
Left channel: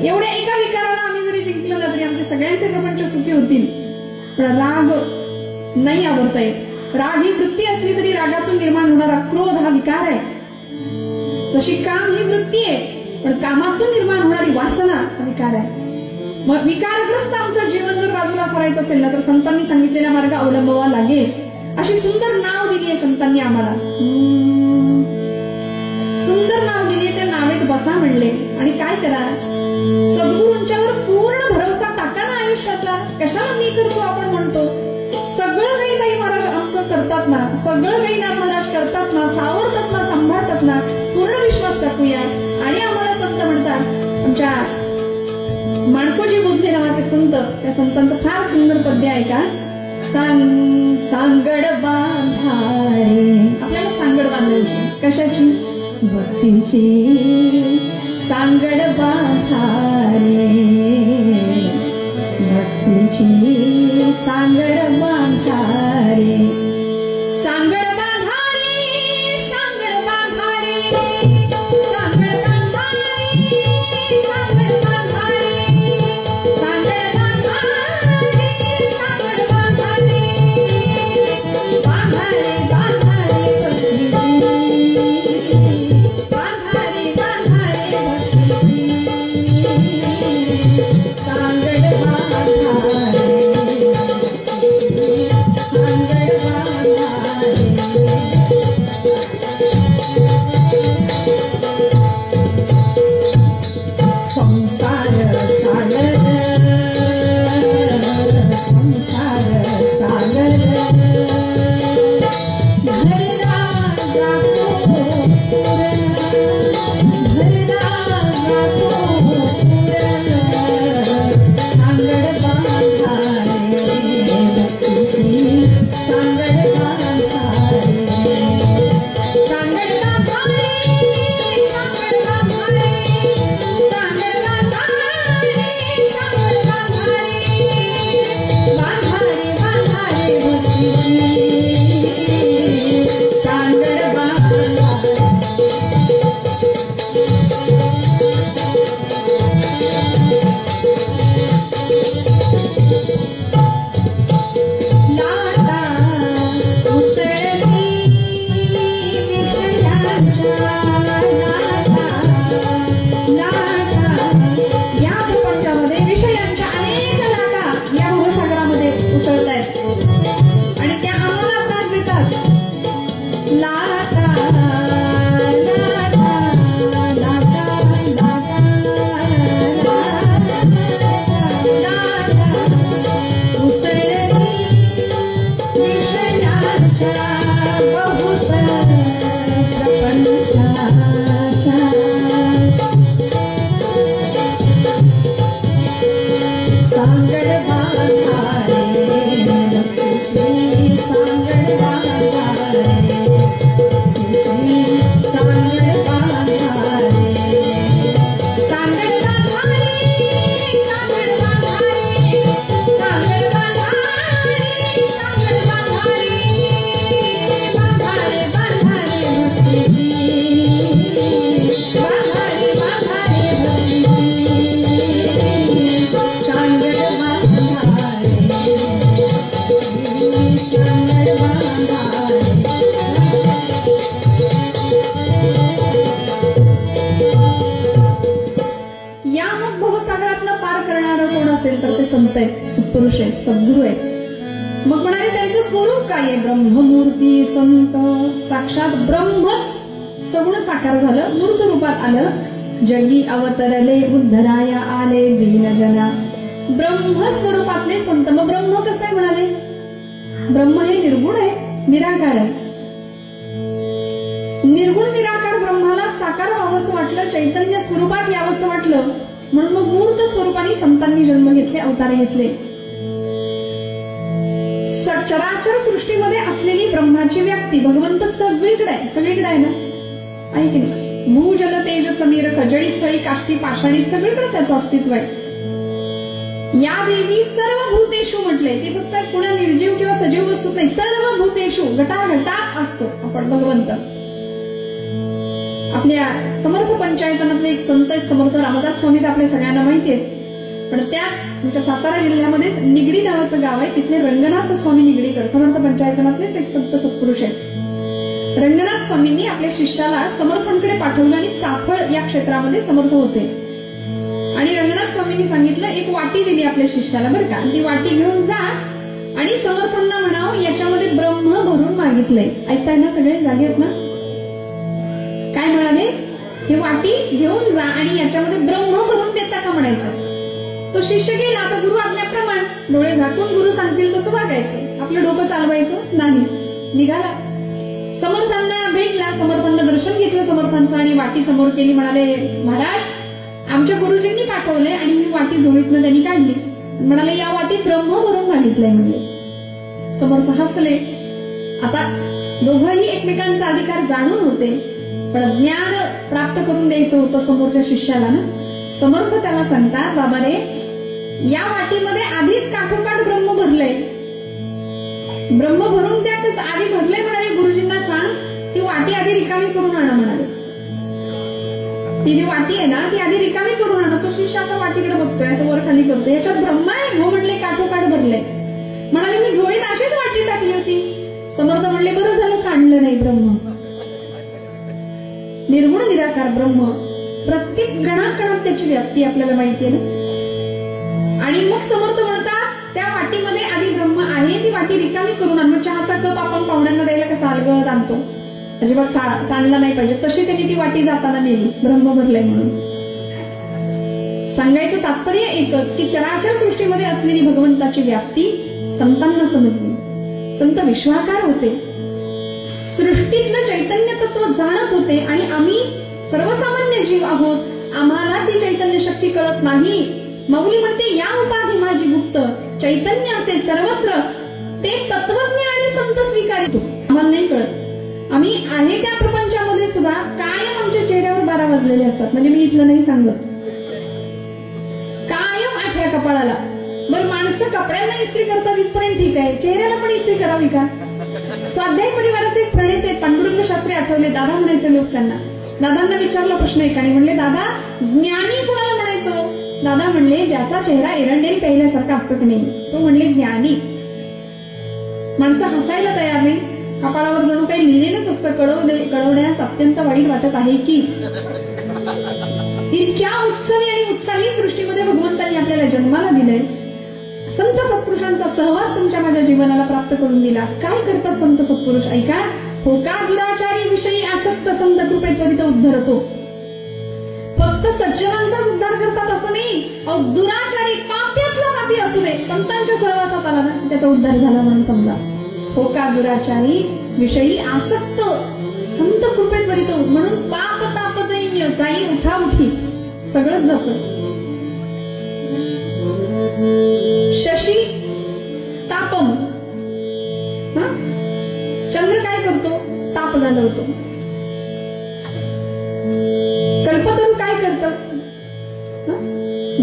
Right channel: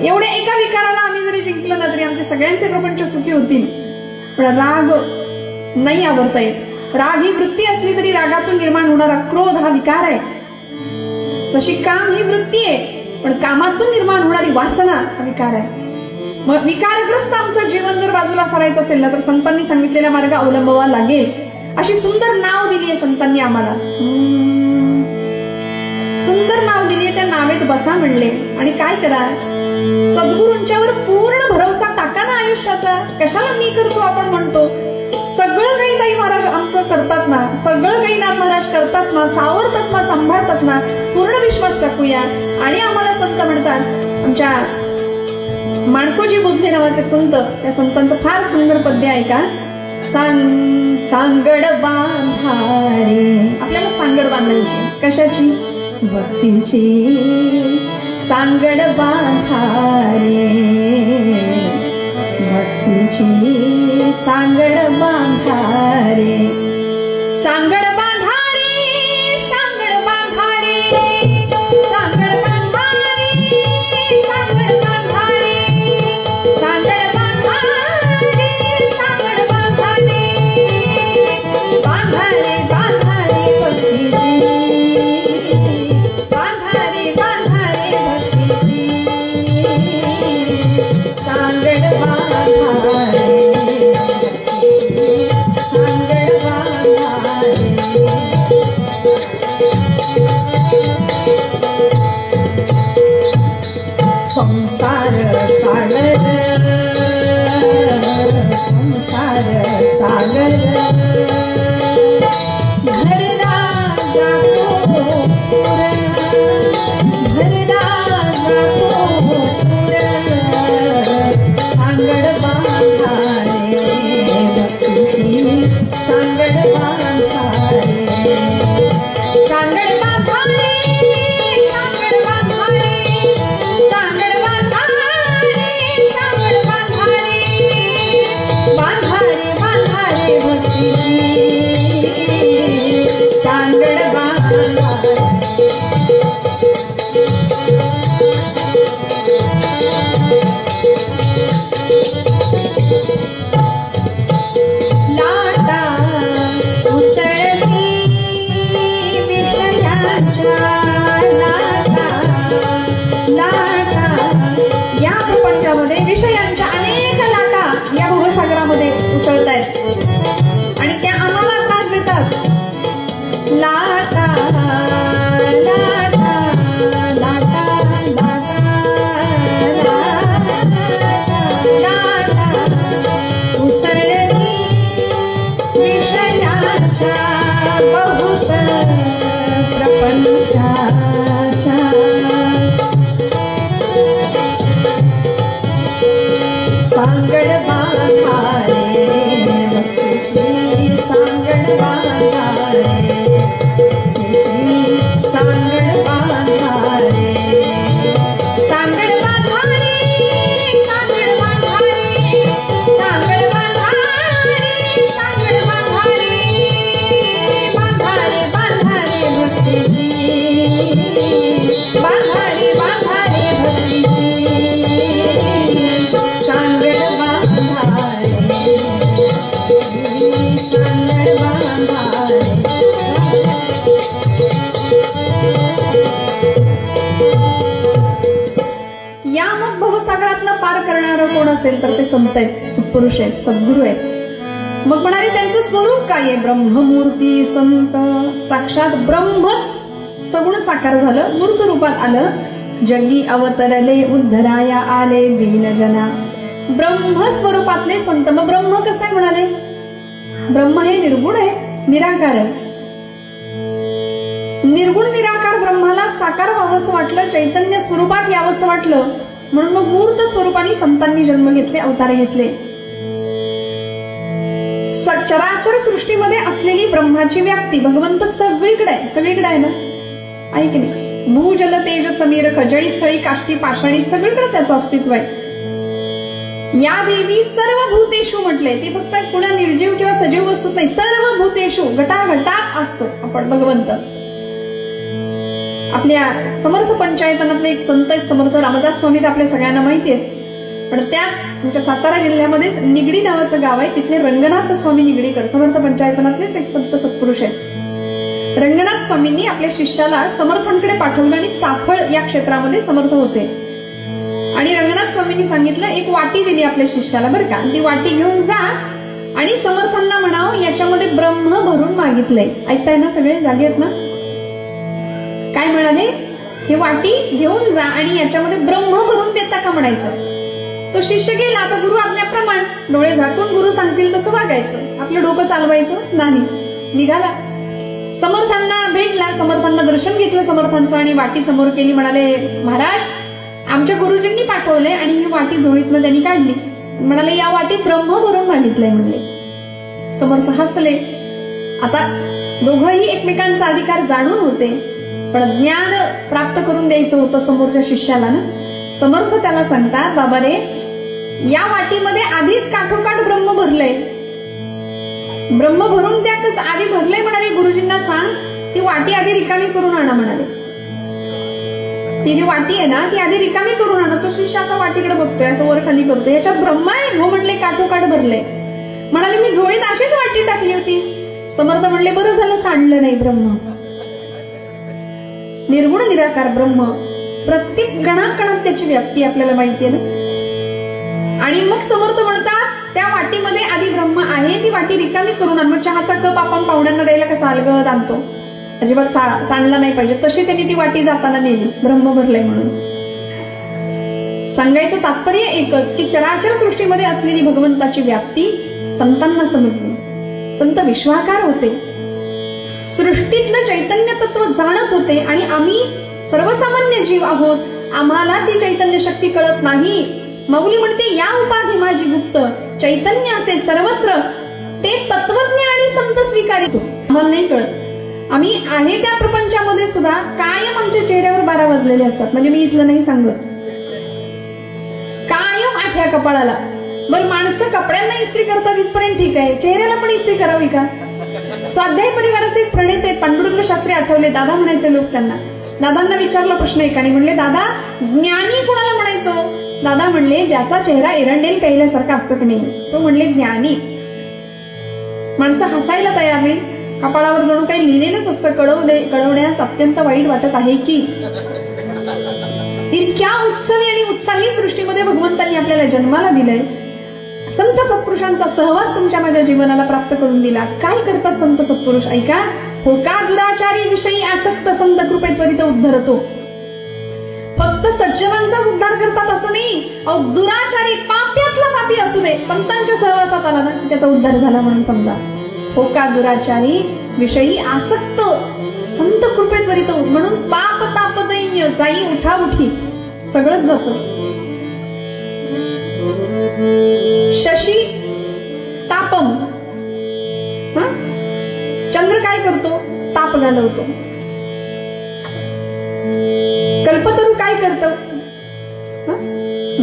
एवढ्या एका विकाराला आम्ही जरी जिंकलं ना तरी आमचे सगळ्यांचे प्रपंच सुखी होतील. पण राग नाही आवरता येत. राग ही वृत्ती असली तरी रागातून निर्माण होणारा क्रोध हा विकार आहे. जशी काम ही वृत्ती आहे, पण कामातून निर्माण होणारी वासना हा विकार आहे. मग विकारग्रस्त आमचं जीवन जर बाजूला सरायचं असेल ना तर संतांनी सांगितलेला मार्ग अवलंबावा लागेल. अशी सुंदर नाव दिली आहे संतांनी आम्हाला. सुंदर नाव दिली आहे, त्या नावेत बसा म्हणले. आणि काय करा? सद्गुरूंच्यावर पूर्ण भरोसा टाका ना आयुष्याचा. कशाला मी करतो आपण म्हणतो. सगळं काही ताई महाराज आमचं करतात ना, सगळं काही नाथ महाराज करतात ना, सावरतात ना, सांभाळतात ना. पूर्ण विश्वास टाकूया. आणि आम्हाला संत म्हणतात, आमच्या माणकोजी बुद्धे नावाचे संत, त्या संतांचं फार सुंदर पद्य आहे का. सांगड बांधारे. आपल्याला सांगड बांधायची कशाची? भक्तीची. सांगड बांधारे भक्तीची. सांगड बांधारे. सांगड बांधारे. सांगड बांधारे. सांगड बांधारे. सांगड बांधारे. सांगड बांधारे. सांगड बांधारे. बांधारे बांधारे भक्तीची. बांधारे बांधारे भक्तीची. सांगड बांधारे. सांगड बांधारे. संसार सागर. संसार सागर. घरला जातो पुर. घरला जातो पुर. सांगड बांधारे भक्तीची. सांगड बांधारे. सांगड बांधारे. सांगड बांधारे. सांगड बांधारे. सांगड बांधारे. बांधारे बांधारे भक्तीची. सांगड बांधारे. लाटा उसळती विषयांच्या. लाटा लाटा. या प्रपंचामध्ये विषयांच्या अनेक लाटा या भवसागरामध्ये उसळतायत आणि त्या आम्हाला त्रास देतात. लाटा लाटा लाटा लाटा लाटा. उसळती विषयांच्या बहुत प्रपंचाच्या. सांगड बांधारे भक्तीची. सांगड बांधारे भक्तीची. सांगड बांधारे. सांगड बांधारे. सांगड बांधारे. सांगड बांधारे. सांगड बांधारे. बांधारे बांधारे भक्तीची. बांधारे बांधारे भक्तीची. सांगड बांधारे. सांगड बांधारे. या मग भवसागरातनं पार करणारं कोण असेल तर ते संत आहेत, सत्पुरुष आहेत, सद्गुरू आहेत. मग म्हणाले त्यांचं स्वरूप काय आहे? ब्रह्ममूर्ती संत. साक्षात ब्रह्मच सगुण साकार झालं, मूर्त रूपात आलं जगी अवतरले उद्धराया आले दीनजना. ब्रह्मस्वरूपातले संत. मग ब्रह्म कसं आहे म्हणाले? ब्रह्म हे निर्गुण आहे, निराकार आहे. निर्गुण निराकार ब्रह्माला साकार व्हावंसं वाटलं, चैतन्य स्वरूपात यावंसं वाटलं, म्हणून मग मूर्त स्वरूपाने संतांनी जन्म घेतले, अवतार घेतले. चराचर सृष्टीमध्ये असलेली ब्रह्माची व्याप्ती भगवंत सगळीकडे आहे. सगळीकडे आहे ना, आहे की नाही? भूजल तेज समीर खजळी स्थळी काष्टी पाषाणी सगळीकडे त्याचं अस्तित्व आहे. या देवी सर्व भूतेषु म्हटले. ते फक्त कुणा निर्जीव किंवा सजीव वस्तूत नाही, सर्व भूतेषु घटाघटात असतो आपण भगवंत. आपल्या समर्थ पंचायतनातले एक संत आहेत, समर्थ रामदास स्वामी, ते आपल्या सगळ्यांना माहिती आहेत. पण त्याच आमच्या सातारा जिल्ह्यामध्येच निगडी नावाचं गाव आहे, तिथले रंगनाथ स्वामी निगडीकर समर्थ पंचायतनातलेच एक संत सत्पुरुष आहेत. रंगनाथ स्वामींनी आपल्या शिष्याला समर्थांकडे पाठवलं आणि चाफळ या क्षेत्रामध्ये समर्थ होते. आणि रंगनाथ स्वामींनी सांगितलं, एक वाटी दिली आपल्या शिष्याला बरं का, ती वाटी घेऊन जा आणि समर्थांना म्हणावं याच्यामध्ये ब्रह्म भरून मागितलंय. ऐकताय ना, सगळे जागे आहेत ना? काय म्हणाले? ही वाटी घेऊन जा आणि याच्यामध्ये ब्रह्म भरून देता का म्हणायचं. तो शिष्य गेला. आता गुरु आज्ञाप्रमाणे डोळे झाकून गुरु सांगतील तसं वागायचं, आपलं डोकं चालवायचं नाही. निघाला, समर्थांना भेटला, समर्थांना दर्शन घेतलं समर्थांचं आणि वाटी समोर केली. म्हणाले, महाराज आमच्या गुरुजींनी पाठवले आणि ही वाटी झोळीतनं त्यांनी काढली. म्हणाले, या वाटीत ब्रह्म भरून मागितलंय म्हणले. समर्थ हसले. आता दोघंही एकमेकांचा अधिकार जाणून होते, पण ज्ञान प्राप्त करून द्यायचं होतं समोरच्या शिष्याला ना. समर्थ त्याला सांगतात, बाबा रे, या वाटीमध्ये आधीच काठोकाठ ब्रह्म भरलंय, ब्रह्म भरून द्या. कसं आधी भरलंय म्हणाले, गुरुजींना सांग ती वाटी आधी रिकामी करून आणा म्हणाले. ती जी वाटी आहे ना ती आधी रिकामी करून आणा. तो शिष्य असा वाटीकडे बघतोय, असं वर खाली करतोय. याच्यात ब्रह्म आहे? हो म्हणले, काठोकाठ भरले. म्हणाले, मी झोळीत अशीच वाटी टाकली होती. समर्थ म्हणले, बरं झालं सांडलं नाही. ब्रह्म निर्गुण निराकार ब्रह्म प्रत्येक गणाकणात त्याची व्याप्ती आपल्याला माहिती आहे ना. आणि मग समर्थ म्हणतात, त्या वाटीमध्ये आधी ब्रह्म आहे, ती वाटी रिकामी करून आण. मग चहाचा कप आपण पाहुण्यांना द्यायला कसा अलगद आणतो, अजिबात सांडला नाही पाहिजे, तशी त्यांनी ती वाटी जाताना नेली, ब्रह्म भरलंय म्हणून. सांगायचं तात्पर्य एकच की चराचर सृष्टीमध्ये असलेली भगवंताची व्याप्ती संतांना समजली. संत विश्वाकार होते, सृष्टीतलं चैतन्य तत्व जाणत होते. आणि आम्ही सर्वसामान्य जीव आहोत, आम्हाला ती चैतन्य शक्ती कळत नाही. माऊली म्हणते, या उपाधी माझी गुप्त, चैतन्य असे सर्वत्र, ते तत्वज्ञ आणि संत स्वीकारितो. आम्हाला नाही कळत. आम्ही आहे त्या प्रपंचामध्ये सुद्धा कायम आमच्या चेहऱ्यावर 12 वाजलेले असतात. म्हणजे मी इथलं नाही सांगत, कायम आठ्या कपाळाला. बरं, माणसं कपड्यांना इस्त्री करतात इथपर्यंत ठीक आहे, चेहऱ्याला पण इस्त्री करावी का? स्वाध्याय परिवाराचे एक प्रणेते आहेत, पांडुरंग शास्त्री आठवले. दादा म्हणायचे लोक त्यांना. दादांना विचारला प्रश्न एकाने. म्हणले, दादा ज्ञानी कोणाला म्हणायचो? दादा म्हणले, ज्याचा चेहरा एरंडेल प्यायल्यासारखा असतो की नाही, तो म्हणले ज्ञानी. माणसं हसायला तयार नाही, कपाळावर जणू काही लिहिलेलंच असतं, कळवण्यास अत्यंत वाईट वाटत आहे की. इतक्या उत्सवी आणि उत्साही सृष्टीमध्ये भगवंतांनी आपल्याला जन्माला दिलंय. संत सत्पुरुषांचा सहवास तुमच्या माझ्या जीवनाला प्राप्त करून दिला. काय करतात संत सत्पुरुष? ऐका. होका दुराचारी विषयी आसक्त संत कृपेत त्वरित उद्धरतो. फक्त सज्जनांचाच उद्धार करतात असं नाही, दुराचारी पाप्यातला पापी असू दे, संतांच्या सहवासात आला ना त्याचा उद्धार झाला म्हणून समजा. होका दुराचारी विषयी आसक्त संत कृपेत त्वरित, म्हणून पाप ताप दैन्य जाई उठा उठी सगळंच जातं. शशी तापम, चंद्र काय करतो? ताप घालवतो. कल्पतरू काय करतो?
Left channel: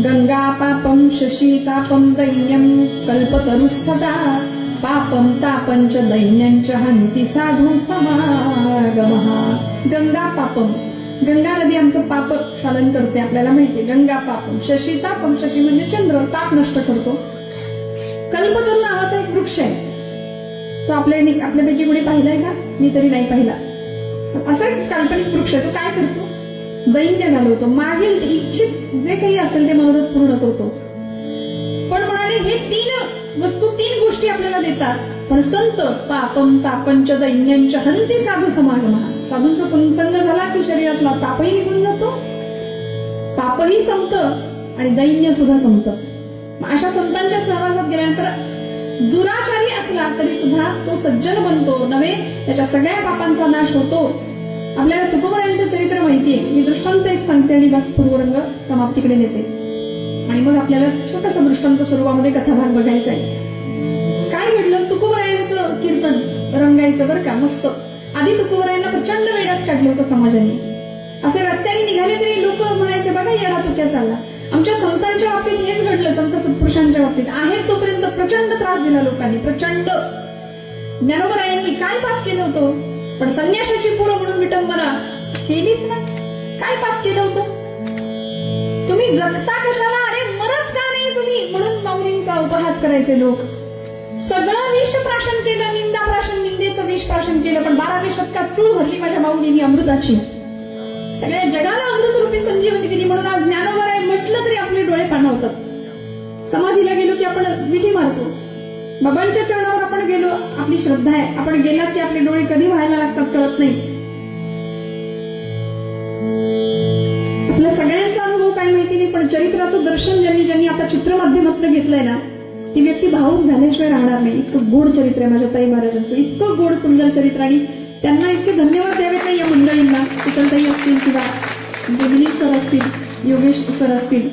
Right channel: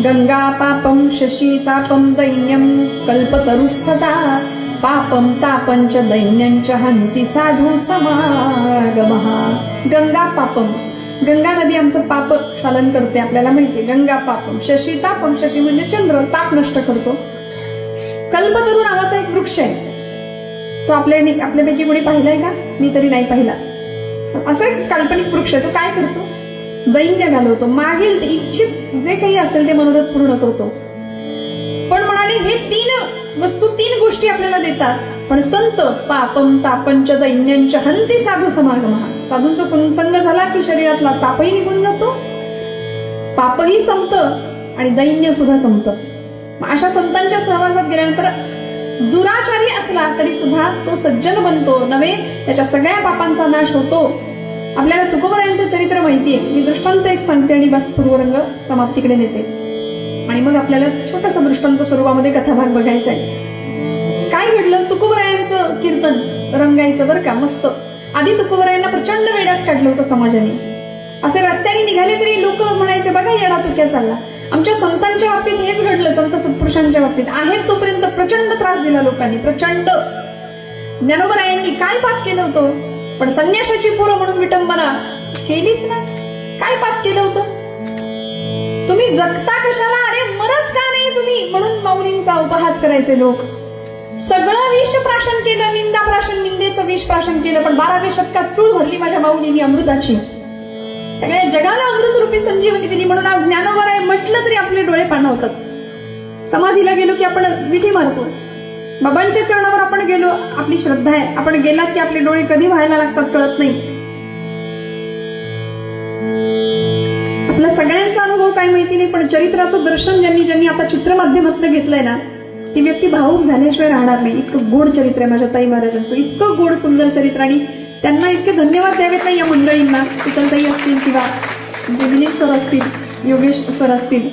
गंगा पापम शशी तापम दैन्यम कल्पतरुस्तथा पापम तापंच दैन्यंच हंती साधू समागमः. गंगा पापम, गंगा नदी आमचं पाप शालन करते आपल्याला माहितीये. गंगा पापम शशी तापम, शशी म्हणजे चंद्र, ताप नष्ट करतो. कल्पतरू नावाचा एक वृक्ष आहे, तो आपल्यापैकी कोणी पाहिलाय का? मी तरी नाही पाहिला. असं एक काल्पनिक वृक्ष आहे. तो काय करतो? दैन्य घालवतो. मागील इच्छित जे काही असेल ते मनोरथ पूर्ण करतो. पण म्हणाले, हे 3 वस्तू 3 गोष्टी आपल्याला देतात. पण संत पापम तापंच दैन्यंच हंती साधू समागमः. साधूंचा संसंग झाला की शरीरातला तापही निघून जातो पापही संपतं आणि दैन्य सुद्धा संपतं. अशा संतांच्या सहवासात गेल्यानंतर दुराचारी असला तरी सुद्धा तो सज्जन बनतो नव्हे, त्याच्या सगळ्या पापांचा नाश होतो. आपल्याला तुकोबरायांचं चरित्र माहितीये. मी दृष्टांत एक सांगते आणि बस पूर्वरंग समाप्तीकडे नेते आणि मग आपल्याला छोटासा दृष्टांत स्वरूपामध्ये कथाभाग बघायचा आहे. काय घडलं, तुकोबरायांचं कीर्तन रंगायचं बरं का, मस्त. आधी तुकोबरायांना प्रचंड वेड्यात काढलं होतं समाजाने. असे रस्त्याने निघाले तरी लोक म्हणायचे, बघा येडा तुक्या चालला. आमच्या संतांच्या बाबतीत हेच घडलं. संत सत्पुरुषांच्या बाबतीत आहेत तोपर्यंत प्रचंड त्रास दिला लोकांनी, प्रचंड. ज्ञानोबरायांनी काय पाप केलं होतं, पण संन्यासाची पोरं म्हणून विटंबना केलीच ना. काय पाप केलं होतं, तुम्ही जगता कशाला, अरे मरत का नाही तुम्ही, म्हणून माऊलींचा उपहास करायचे लोक. सगळं विष प्राशन केलं, निंदा प्राशन, निंदेचं विष प्राशन केलं, पण 12व्या शतकात चूळ भरली माझ्या माऊलींनी अमृताची. सगळ्या जगाला अमृतरूपी संजीवनी दिली. म्हणून आज ज्ञानोबराय म्हटलं तरी आपले डोळे पाणावतात. समाधीला गेलो की आपण मिठी मारतो. बाबांच्या चरणावर आपण गेलो, आपली श्रद्धा आहे. आपण गेलात की आपले डोळे कधी व्हायला लागतात कळत नाही. आपला सगळ्यांचा अनुभव काय माहिती नाही, पण चरित्राचं दर्शन ज्यांनी आता चित्रमाध्यमातून घेतलंय ना, ती व्यक्ती भावूक झाल्याशिवाय राहणार नाही. इतकं गोड चरित्र आहे माझ्या ताई महाराजांचं, इतकं गोड सुंदर चरित्र. आणि त्यांना इतके धन्यवाद द्यावेत नाही या मंडळींना, इतरताई असतील किंवा दिलीप सर असतील, योगेश सर असतील.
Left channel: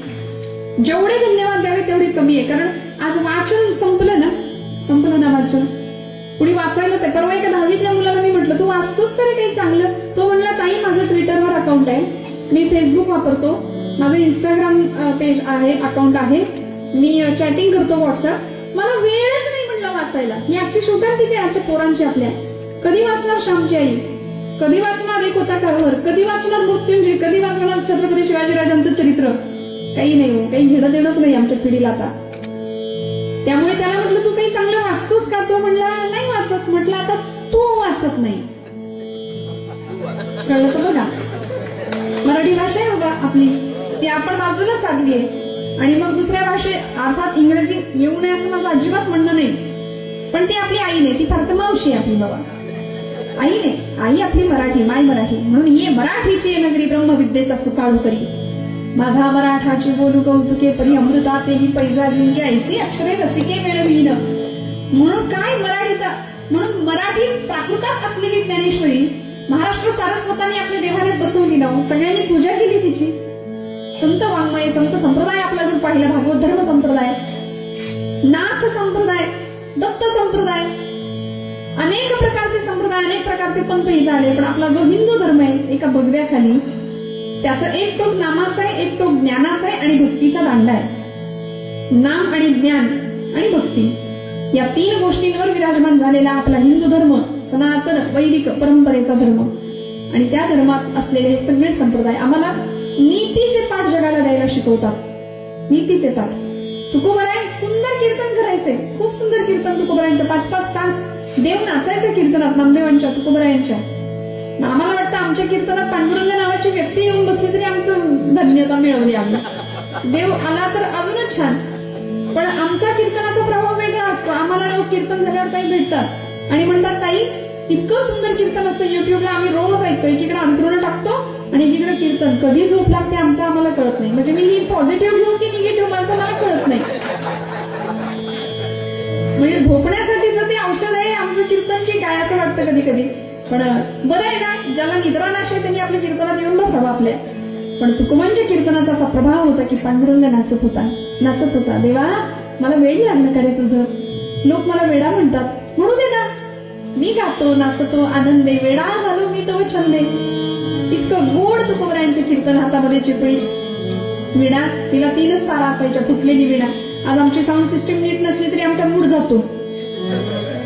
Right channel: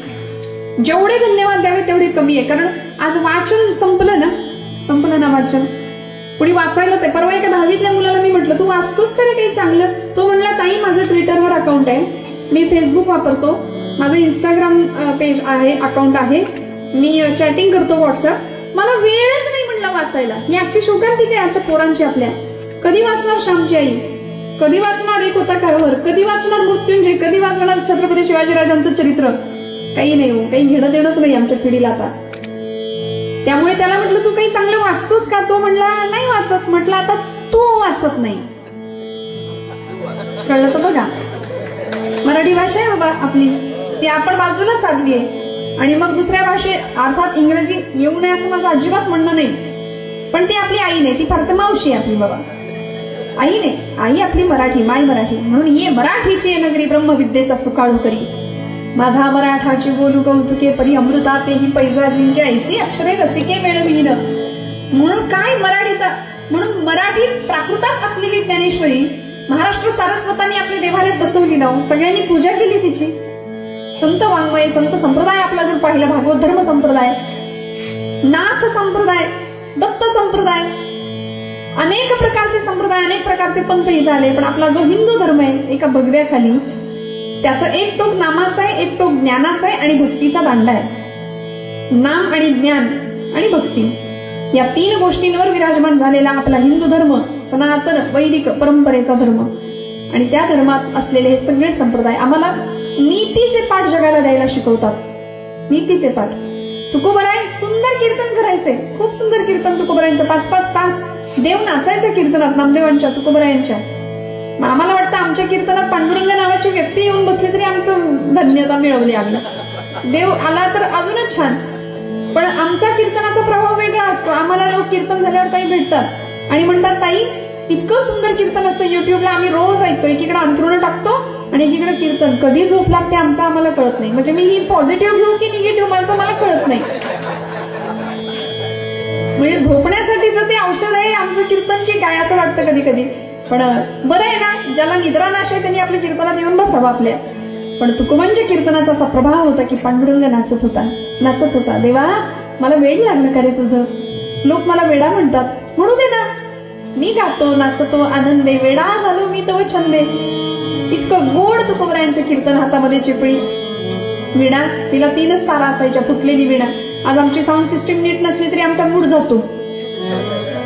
जेवढे धन्यवाद द्यावे तेवढे कमी आहे. कारण आज वाचन संपलं ना वाचन. कुणी वाचायला ते. परवा एका 10वीतल्या मुलाला मी म्हटलं, तू वाचतोस तरी काही चांगलं. तो म्हणला, ताई माझं ट्विटरवर अकाउंट आहे, मी फेसबुक वापरतो, माझं इंस्टाग्राम पेज आहे, अकाउंट आहे, मी चॅटिंग करतो व्हॉट्सअप, मला वेळच नाही म्हणलं वाचायला. ही आजची शोकांतिका आहे आमच्या पोरांची. आपल्या कधी वाचणार श्यामची आई, कधी वाचणार एक होता कारभार, कधी वाचणार मृत्युंजय, कधी वाचणार छत्रपती शिवाजीराजांचं चरित्र. काही नाही हो, काही घेणं देणंच नाही आमच्या पिढीला आता. त्यामुळे त्याला म्हटलं, तू काही चांगलं वाचतोस का? तो म्हणला, नाही वाचत. म्हटलं, आता तू वाचत नाही. कळलं तर बघा, मराठी भाषा आहे बाबा आपली, ती आपण बाजूला साधली आहे. आणि मग दुसऱ्या भाषेत अर्थात इंग्रजी येऊ नये असं माझं अजिबात म्हणणं नाही, पण ती आपली आई नाही, ती फार तर मावशी आहे आपली बाबा. आई नाही, आई आपली मराठी, माय मराठी. म्हणून ये मराठीची नगरी ब्रह्मविद्येचा सुकाळू करी, माझा मराठाची बोलू कौतुके परी, अमृता तेही पैजा जिंके, ऐसे अक्षरे रसिके मिळवीन. म्हणून काय मराठीचा, म्हणून मराठी प्राकृतात असलेली ज्ञानेश्वरी महाराष्ट्र सारस्वतांनी आपल्या देवालयात बसवली ना. सगळ्यांनी पूजा केली तिची. संत वाङ्मय, संत संप्रदाय आपला जर पाहिलं, भागवत धर्म संप्रदाय, नाथ संप्रदाय, दत्त संप्रदाय, अनेक प्रकारचे संप्रदाय, अनेक प्रकारचे पंथ इथं आले. पण आपला जो हिंदू धर्म आहे एका भगव्याखाली, त्याचं एक टोक नामाचं आहे, एक टोक ज्ञानाचं आहे आणि भक्तीचा दांडा आहे. नाम आणि ज्ञान आणि भक्ती या 3 गोष्टींवर विराजमान झालेला आपला हिंदू धर्म, सनातन वैदिक परंपरेचा धर्म. आणि त्या धर्मात असलेले हे सगळे संप्रदाय आम्हाला नीतीचे पाठ जगाला द्यायला शिकवतात. नीतीचे पाठ. तुकोबराय सुंदर कीर्तन करायचे, खूप सुंदर कीर्तन तुकोबरायांचं. 5-5 तास देव नाचायचं कीर्तनात, नामदेवांच्या, तुकोबरायांच्या. आम्हाला वाटतं आमच्या कीर्तनात पांडुरंग नावाची व्यक्ती येऊन बसली तरी आमचं धन्यता मिळवली. आम्ही देव आला तर अजूनच छान, पण आमचा कीर्तनाचा प्रभाव वेगळा असतो. आम्हाला लोक कीर्तन झाल्यावर ताई भेटतात आणि म्हणतात, ताई इतकं सुंदर कीर्तन असतं युट्यूबला, आम्ही रोज ऐकतो. एकीकडे अंथरुण टाकतो आणि एकीकडे कीर्तन. कधी झोप लागते आमचं आम्हाला कळत नाही. म्हणजे मी ही पॉझिटिव्ह घेऊ की निगेटिव्ह माझं मला कळत नाही. म्हणजे झोपण्यासाठीचं ते औषध आहे आमचं कीर्तन की काय असं वाटतं कधी कधी. पण बरं आहे ना, ज्याला निद्रा नाश आहे त्यांनी आपल्या कीर्तनात येऊन बसावं आपल्या. पण तुकोबांच्या कीर्तनाचा असा प्रभाव होता की पांडुरंग नाचत होता. देवा मला वेड लागलं का रे तुझं, लोक मला वेडा म्हणतात, म्हणू दे ना, मी गातो नाचतो आनंदे, वेडा झालो मी तो छंदे. इतकं गोड तुकोबरायांचं कीर्तन. हातामध्ये चिपळी, विणा, तिला 3च तारा असायच्या, फुटलेली विणा. आज आमची साऊंड सिस्टीम नीट नसली तरी आमचा मूड जातो.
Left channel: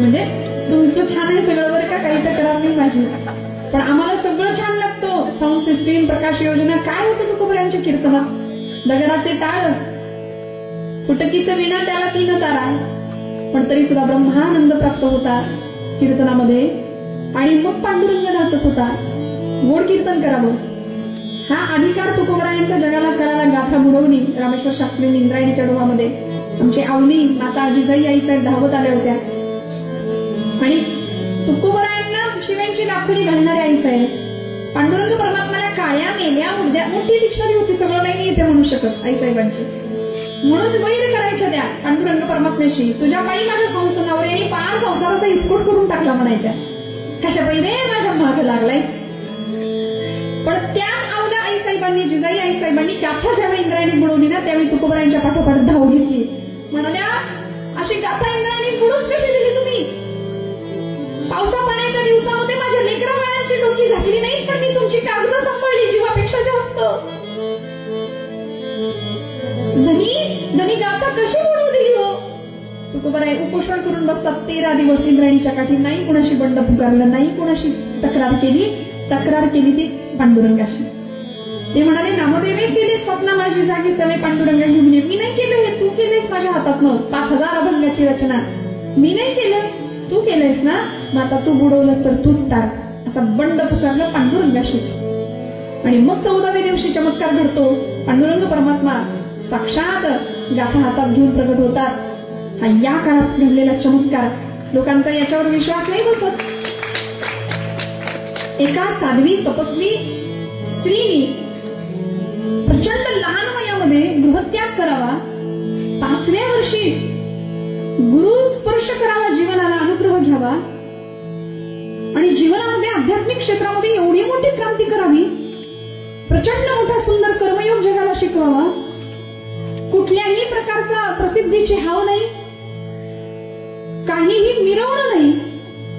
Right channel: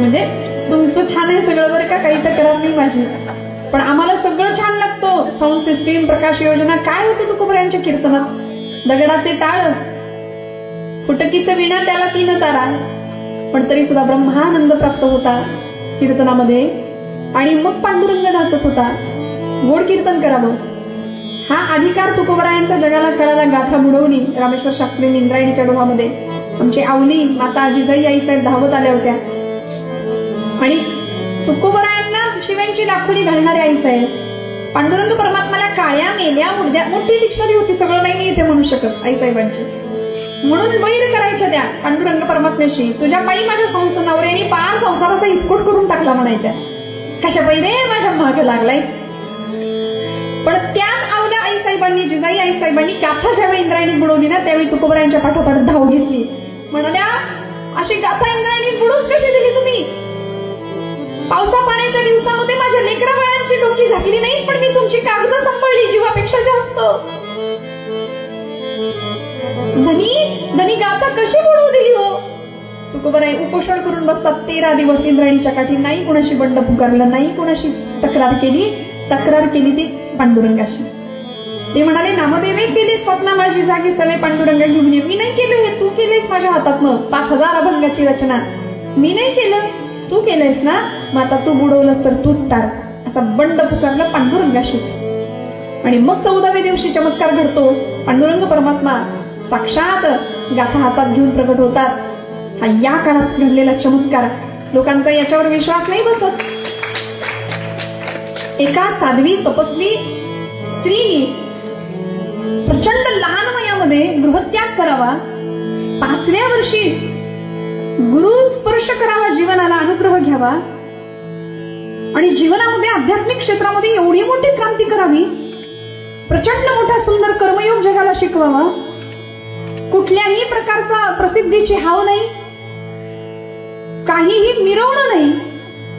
म्हणजे तुमचं छान आहे सगळं बरं का, काही तक्रार नाही माझी, पण आम्हाला सगळं छान लागतो. साऊंड सिस्टीम, प्रकाश योजना, काय होतं तुकोबरायांच्या कीर्तनात. दगडाचे टाळ, फुटकीचं विणा, त्याला 3 तारा. पण तरी सुद्धा ब्रह्मानंद प्राप्त होता कीर्तनामध्ये. आणि मग पांडुरंग नाचत होता. गोड कीर्तन करावं हा अधिकार तुकोबरायांचा जगाला कळाला. गाथा बुडवली रामेश्वर शास्त्रींनी इंद्रायणीच्या डोहामध्ये. आमची आवली माता जिजाई आई साहेब धावत आल्या होत्या आणि तुकोबरायांना शिव्यांची डाखोरी घालणारे आई साहेब. पांडुरंग परमात्माला काळ्या मेल्या उडद्या मोठी डिक्शनरी होती, सगळं नाही मी इथे म्हणू शकत आईसाहेबांची. म्हणून वैर करायच्या त्या पांडुरंग परमात्म्याशी. तुझ्या पायी माझ्या नवऱ्याने पार संसाराचा इस्फोट करून टाकला म्हणायच्या. कशा पायी रे माझ्या मागे लागलायस. पण त्याच अवल्या आईसाहेबांनी, जिजाई आईसाहेबांनी गाथा ज्यावेळी इंद्रायणी बुडवली ना, त्यावेळी तुकोबरायांच्या पाठोपाठ धाव घेतली. म्हणाल्या अशी गाथा इंद्रायणी बुडूच कशी दिली तुम्ही? पावसा पाण्याच्या दिवसामध्ये माझ्या लेकरा बाळांची डोकी झाकली नाही, पण मी तुमची कागद सांभाळली जीवापेक्षा जास्त. धनी गाथा कशी बुडवू दिली हो? तुकोबराय उपोषण करून बसतात 13 दिवस इंद्रायणीच्या काठी. नाही कोणाशी बंड पुकारलं, नाही कोणाशी तक्रार केली ती पांडुरंगाशी. ते म्हणाले नामदेवे केले स्वप्ना माझी जागी सवे पांडुरंग घेऊन ये. मी नाही केलं हे, तू केलेस माझ्या हातातनं 5000 अभंगाची रचना. मी नाही केलं, तू केलंयस ना, मग आता तू बुडवलंस तर तूच तार. असा बंड पुकारला पांडुरंगाशीच. आणि मग 14व्या दिवशी चमत्कार घडतो. पांडुरंग परमात्मा साक्षात गाथा हातात घेऊन प्रकट होतात. हा या काळात घडलेला चमत्कार. लोकांचा याच्यावर विश्वास नाही बसत. एका साध्वी तपस्वी स्त्रीने प्रचंड लहान वयामध्ये गृहत्याग करावा, 5व्या वर्षी गुरु स्पर्श करावा, जीवनाला अनुग्रह घ्यावा आणि जीवनामध्ये आध्यात्मिक क्षेत्रामध्ये एवढी मोठी क्रांती करावी, प्रचंड मोठा सुंदर कर्मयोग जगाला शिकवावा, कुठल्याही प्रकारचा प्रसिद्धीची हाव नाही, काहीही मिरवणं नाही.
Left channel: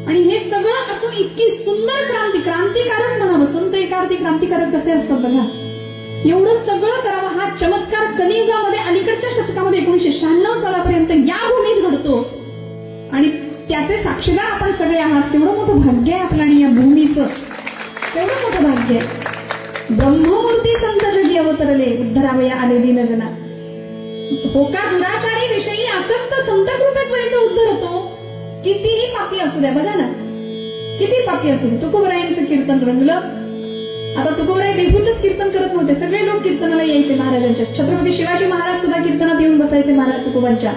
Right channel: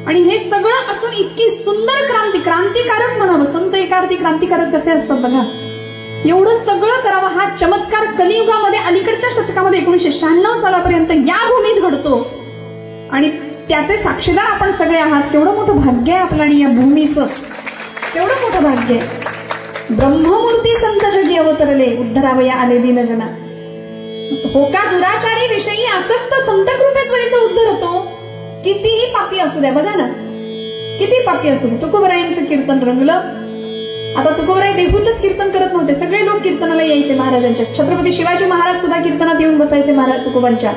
आणि हे सगळं असून इतकी सुंदर क्रांतिकारक म्हणावं. संत एकार्थी क्रांतिकारक कसे असतात बघा. एवढं सगळं करावं. हा चमत्कार कलियुगामध्ये अलीकडच्या शतकामध्ये 1996 सालापर्यंत या भूमीत घडतो आणि त्याचे साक्षीदार आपण सगळे आहात. केवढं मोठं भाग्य आहे आपलं आणि या भूमीचं केवढं मोठं भाग्य आहे. ब्रह्ममूर्ती संत जगी अवतरले, उद्धरावया आले दीनजना. होका दुराचारी विषयी आसक्त संत कृपेपर्यंत उद्धरतो. कितीही पापी असू द्या, बघा ना, किती पापी असू दे. तुकोबरायांचं कीर्तन रंगलं. आता तुकोबराय देहूतच कीर्तन करत नव्हते, सगळे लोक कीर्तनाला यायचे महाराजांच्या. छत्रपती शिवाजी महाराज सुद्धा कीर्तनात येऊन बसायचे महाराज तुकोबांच्या.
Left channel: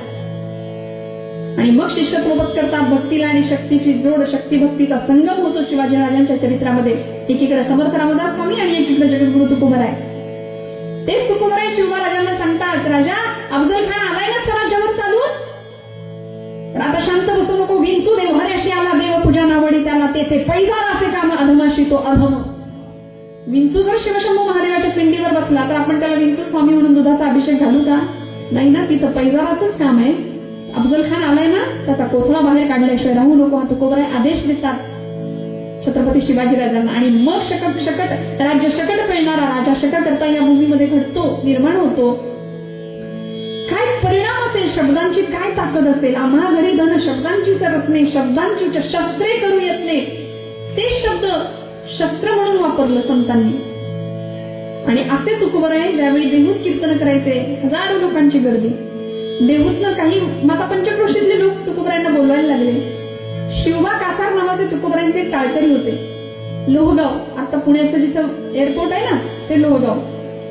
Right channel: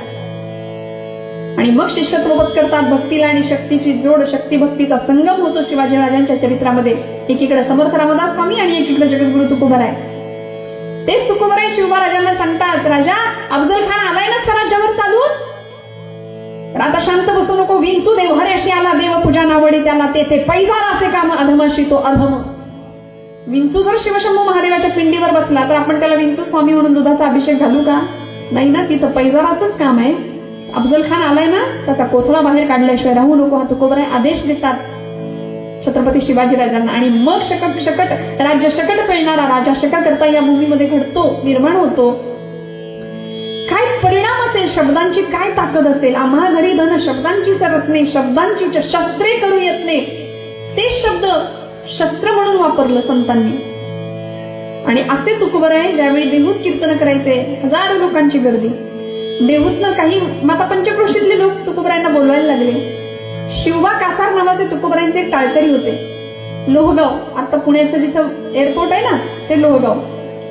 आणि मग शिष्यत्वपद करतात. भक्तीला आणि शक्तीची जोड, शक्ती भक्तीचा संगम होतो शिवाजी राजांच्या चरित्रामध्ये. एकीकडे समर्थ रामदास स्वामी आणि एकीकडे जगद्गुरु तुकोबराय. तेच तुकोबराय शिवबा सांगतात, राजा अफजल खान आलाय ना स्वराज्यावर चालून, तर आता शांत बसू नको. विंचू देवहऱ्याशी आला देव पूजा नावडी त्याला, तेथे पैजाराचे काम अधमाशी तो अधम. विंचू जर शिवशंभू महादेवाच्या पिंडीवर बसला तर आपण त्याला विंचू स्वामी म्हणून दुधाचा अभिषेक घालू का? नाही ना, तिथं पैजाराचंच काम आहे. अफजल खान आलाय ना, त्याचा कोथळा बाहेर काढल्याशिवाय राहू नको. हा तुकोबराय आदेश देतात छत्रपती शिवाजीराजांना. आणि मग राज्य शकट पेलणारा राजा शककर्ता या भूमीमध्ये घडतो, निर्माण होतो. काय परिणाम असेल शब्दांची, काय ताकद असेल. आम्हा घरी धन शब्दांचीच रत्ने, शब्दांची शस्त्रे करू यत्ने. ते शब्द शस्त्र म्हणून वापरलं संतांनी. आणि असे तुकोबराय ज्यावेळी देहूत कीर्तन करायचे, हजारो लोकांची गर्दी. देहूतनं काही माता पंचक्रोशीतले लोक तुकोबरायांना बोलवायला लागले. शिवबा कासार नावाचे तुकोबरायांचे एक टाळकरी होते. लोहगाव, आता पुण्याचं जिथं एअरपोर्ट आहे ना, ते लोहगाव,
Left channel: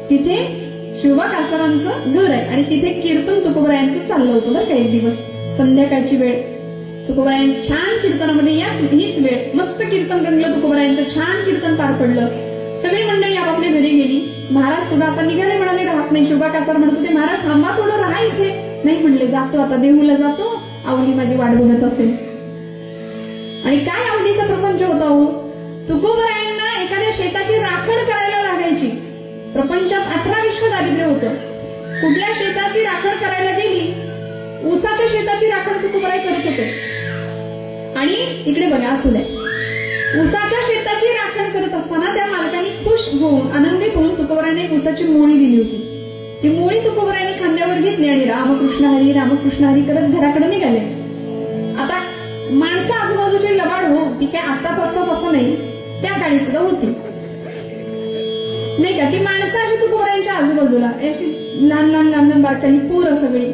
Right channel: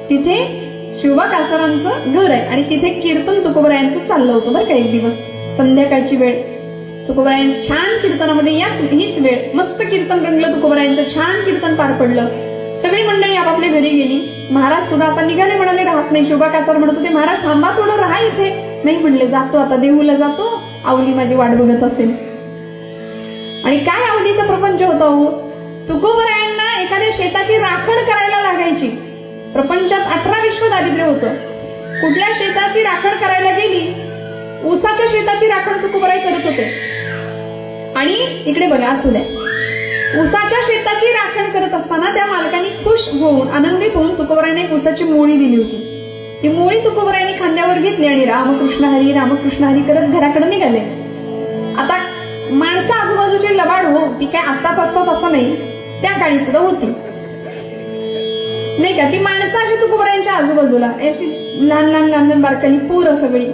तिथे शिवबा कासारांचं घर आहे. आणि तिथे कीर्तन तुकोबरायांचं चाललं होतं बरं का. एक दिवस संध्याकाळची वेळ, तुकोबराय छान कीर्तनामध्ये, हीच वेळ मस्त कीर्तन रंगलं. तुकोबरायांचं छान कीर्तन पार पडलं. सगळी मंडळी आपापल्या घरी गेली. महाराज सुद्धा आता निघाले, म्हणाले राहत नाही. शिवबा कासार म्हणत होते, महाराज थांबा थोडं, राहा इथे. नाही म्हणले, जातो आता देहूला जातो, आवली माझी वाट बघत असेल. आणि काय आवलीचा प्रपंच होता हो. तुकोबरायांना एखाद्या शेताची राखण करायला लागायची. प्रपंचात 18 विश्व दारिद्र्य होतं. कुठल्या शेताची राखण करायला गेली, ऊसाच्या शेताची राखण तुकोबराय करत होते. आणि इकडे बघा, असू द्या, ऊसाच्या शेताची राखण करत असताना त्या मालकांनी खुश होऊन, आनंदित होऊन तुकोबरायांना एक ऊसाची मोळी दिली होती. ती मोळी तुकोबरायांनी खांद्यावर घेतली आणि रामकृष्ण हरी करत घराकडे निघाले. आता माणसं आजूबाजूचे लबाड हो, ती काय आत्ताच असतात असं नाही, त्या काळी सुद्धा होती नाही का. ती माणसं अशी तुकोबरायांच्या आजूबाजूला अशी लहान बारकाई पोरं सगळी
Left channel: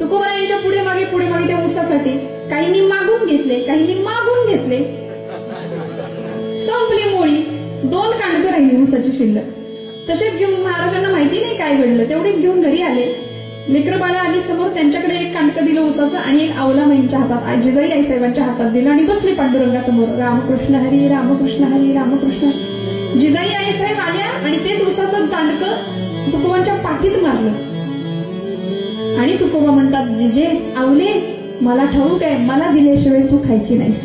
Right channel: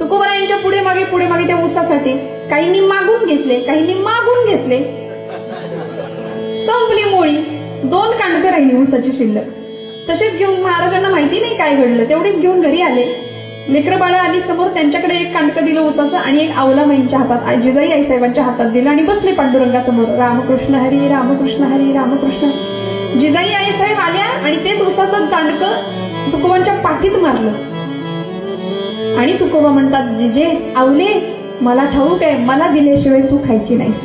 तुकोबरायांच्या पुढे मागे त्या ऊसासाठी. काहींनी मागून घेतले, काहींनी मागून घेतले. संपली मोळी. 2 कांडकं राहिली ऊसाची शिल्लक. तसेच घेऊन, महाराजांना माहिती नाही काय घडलं, तेवढीच घेऊन घरी आले. लेकरं बाळा आली समोर, त्यांच्याकडे एक कांडकं दिलं ऊसाचं आणि एक आवला माईंच्या हातात, जिजाई आईसाहेबांच्या हातात दिलं आणि बसले पांडुरंगासमोर. रामकृष्ण हरी. जिजाई आई साहेब आल्या आणि तेच उसाचं दांडकं तुकोबांच्या पाठीत मारलं. आणि तुकोबा म्हणतात, जिजे आवले मला ठाऊक आहे, मला दिल्याशिवाय तू खायची नाहीस.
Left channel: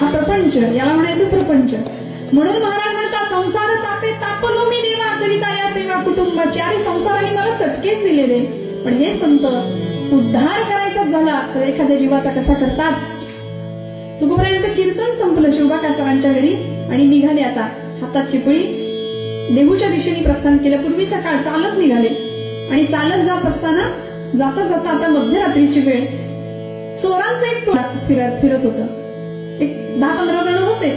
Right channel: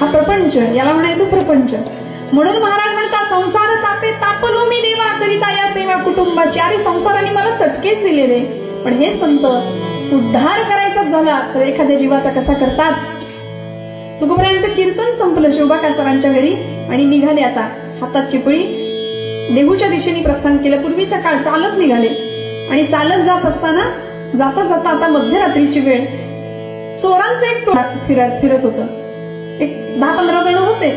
हा प्रपंच, याला म्हणायचं प्रपंच. म्हणून महाराज म्हणतात, संसार तापे तापलो मी देवा करिता या सेवा कुटुंबाची. अरे संसाराने मला चटकेच दिलेले, पण हे संत उद्धार करायचा झाला तर एखाद्या जीवाचा कसा करतात. तुकोबरायांचं कीर्तन संपलं शिवबा कासारांच्या घरी आणि निघाले. आता हातात चिपळी, देहूच्या दिशेने प्रस्थान केलं. पूर्वीचा काळ चालत निघाले आणि चालत जात असताना जाता जाता आता मध्यरात्रीची वेळ, चोरांचं एक टोळा फिरत होतं. एक 10-15 जण होते.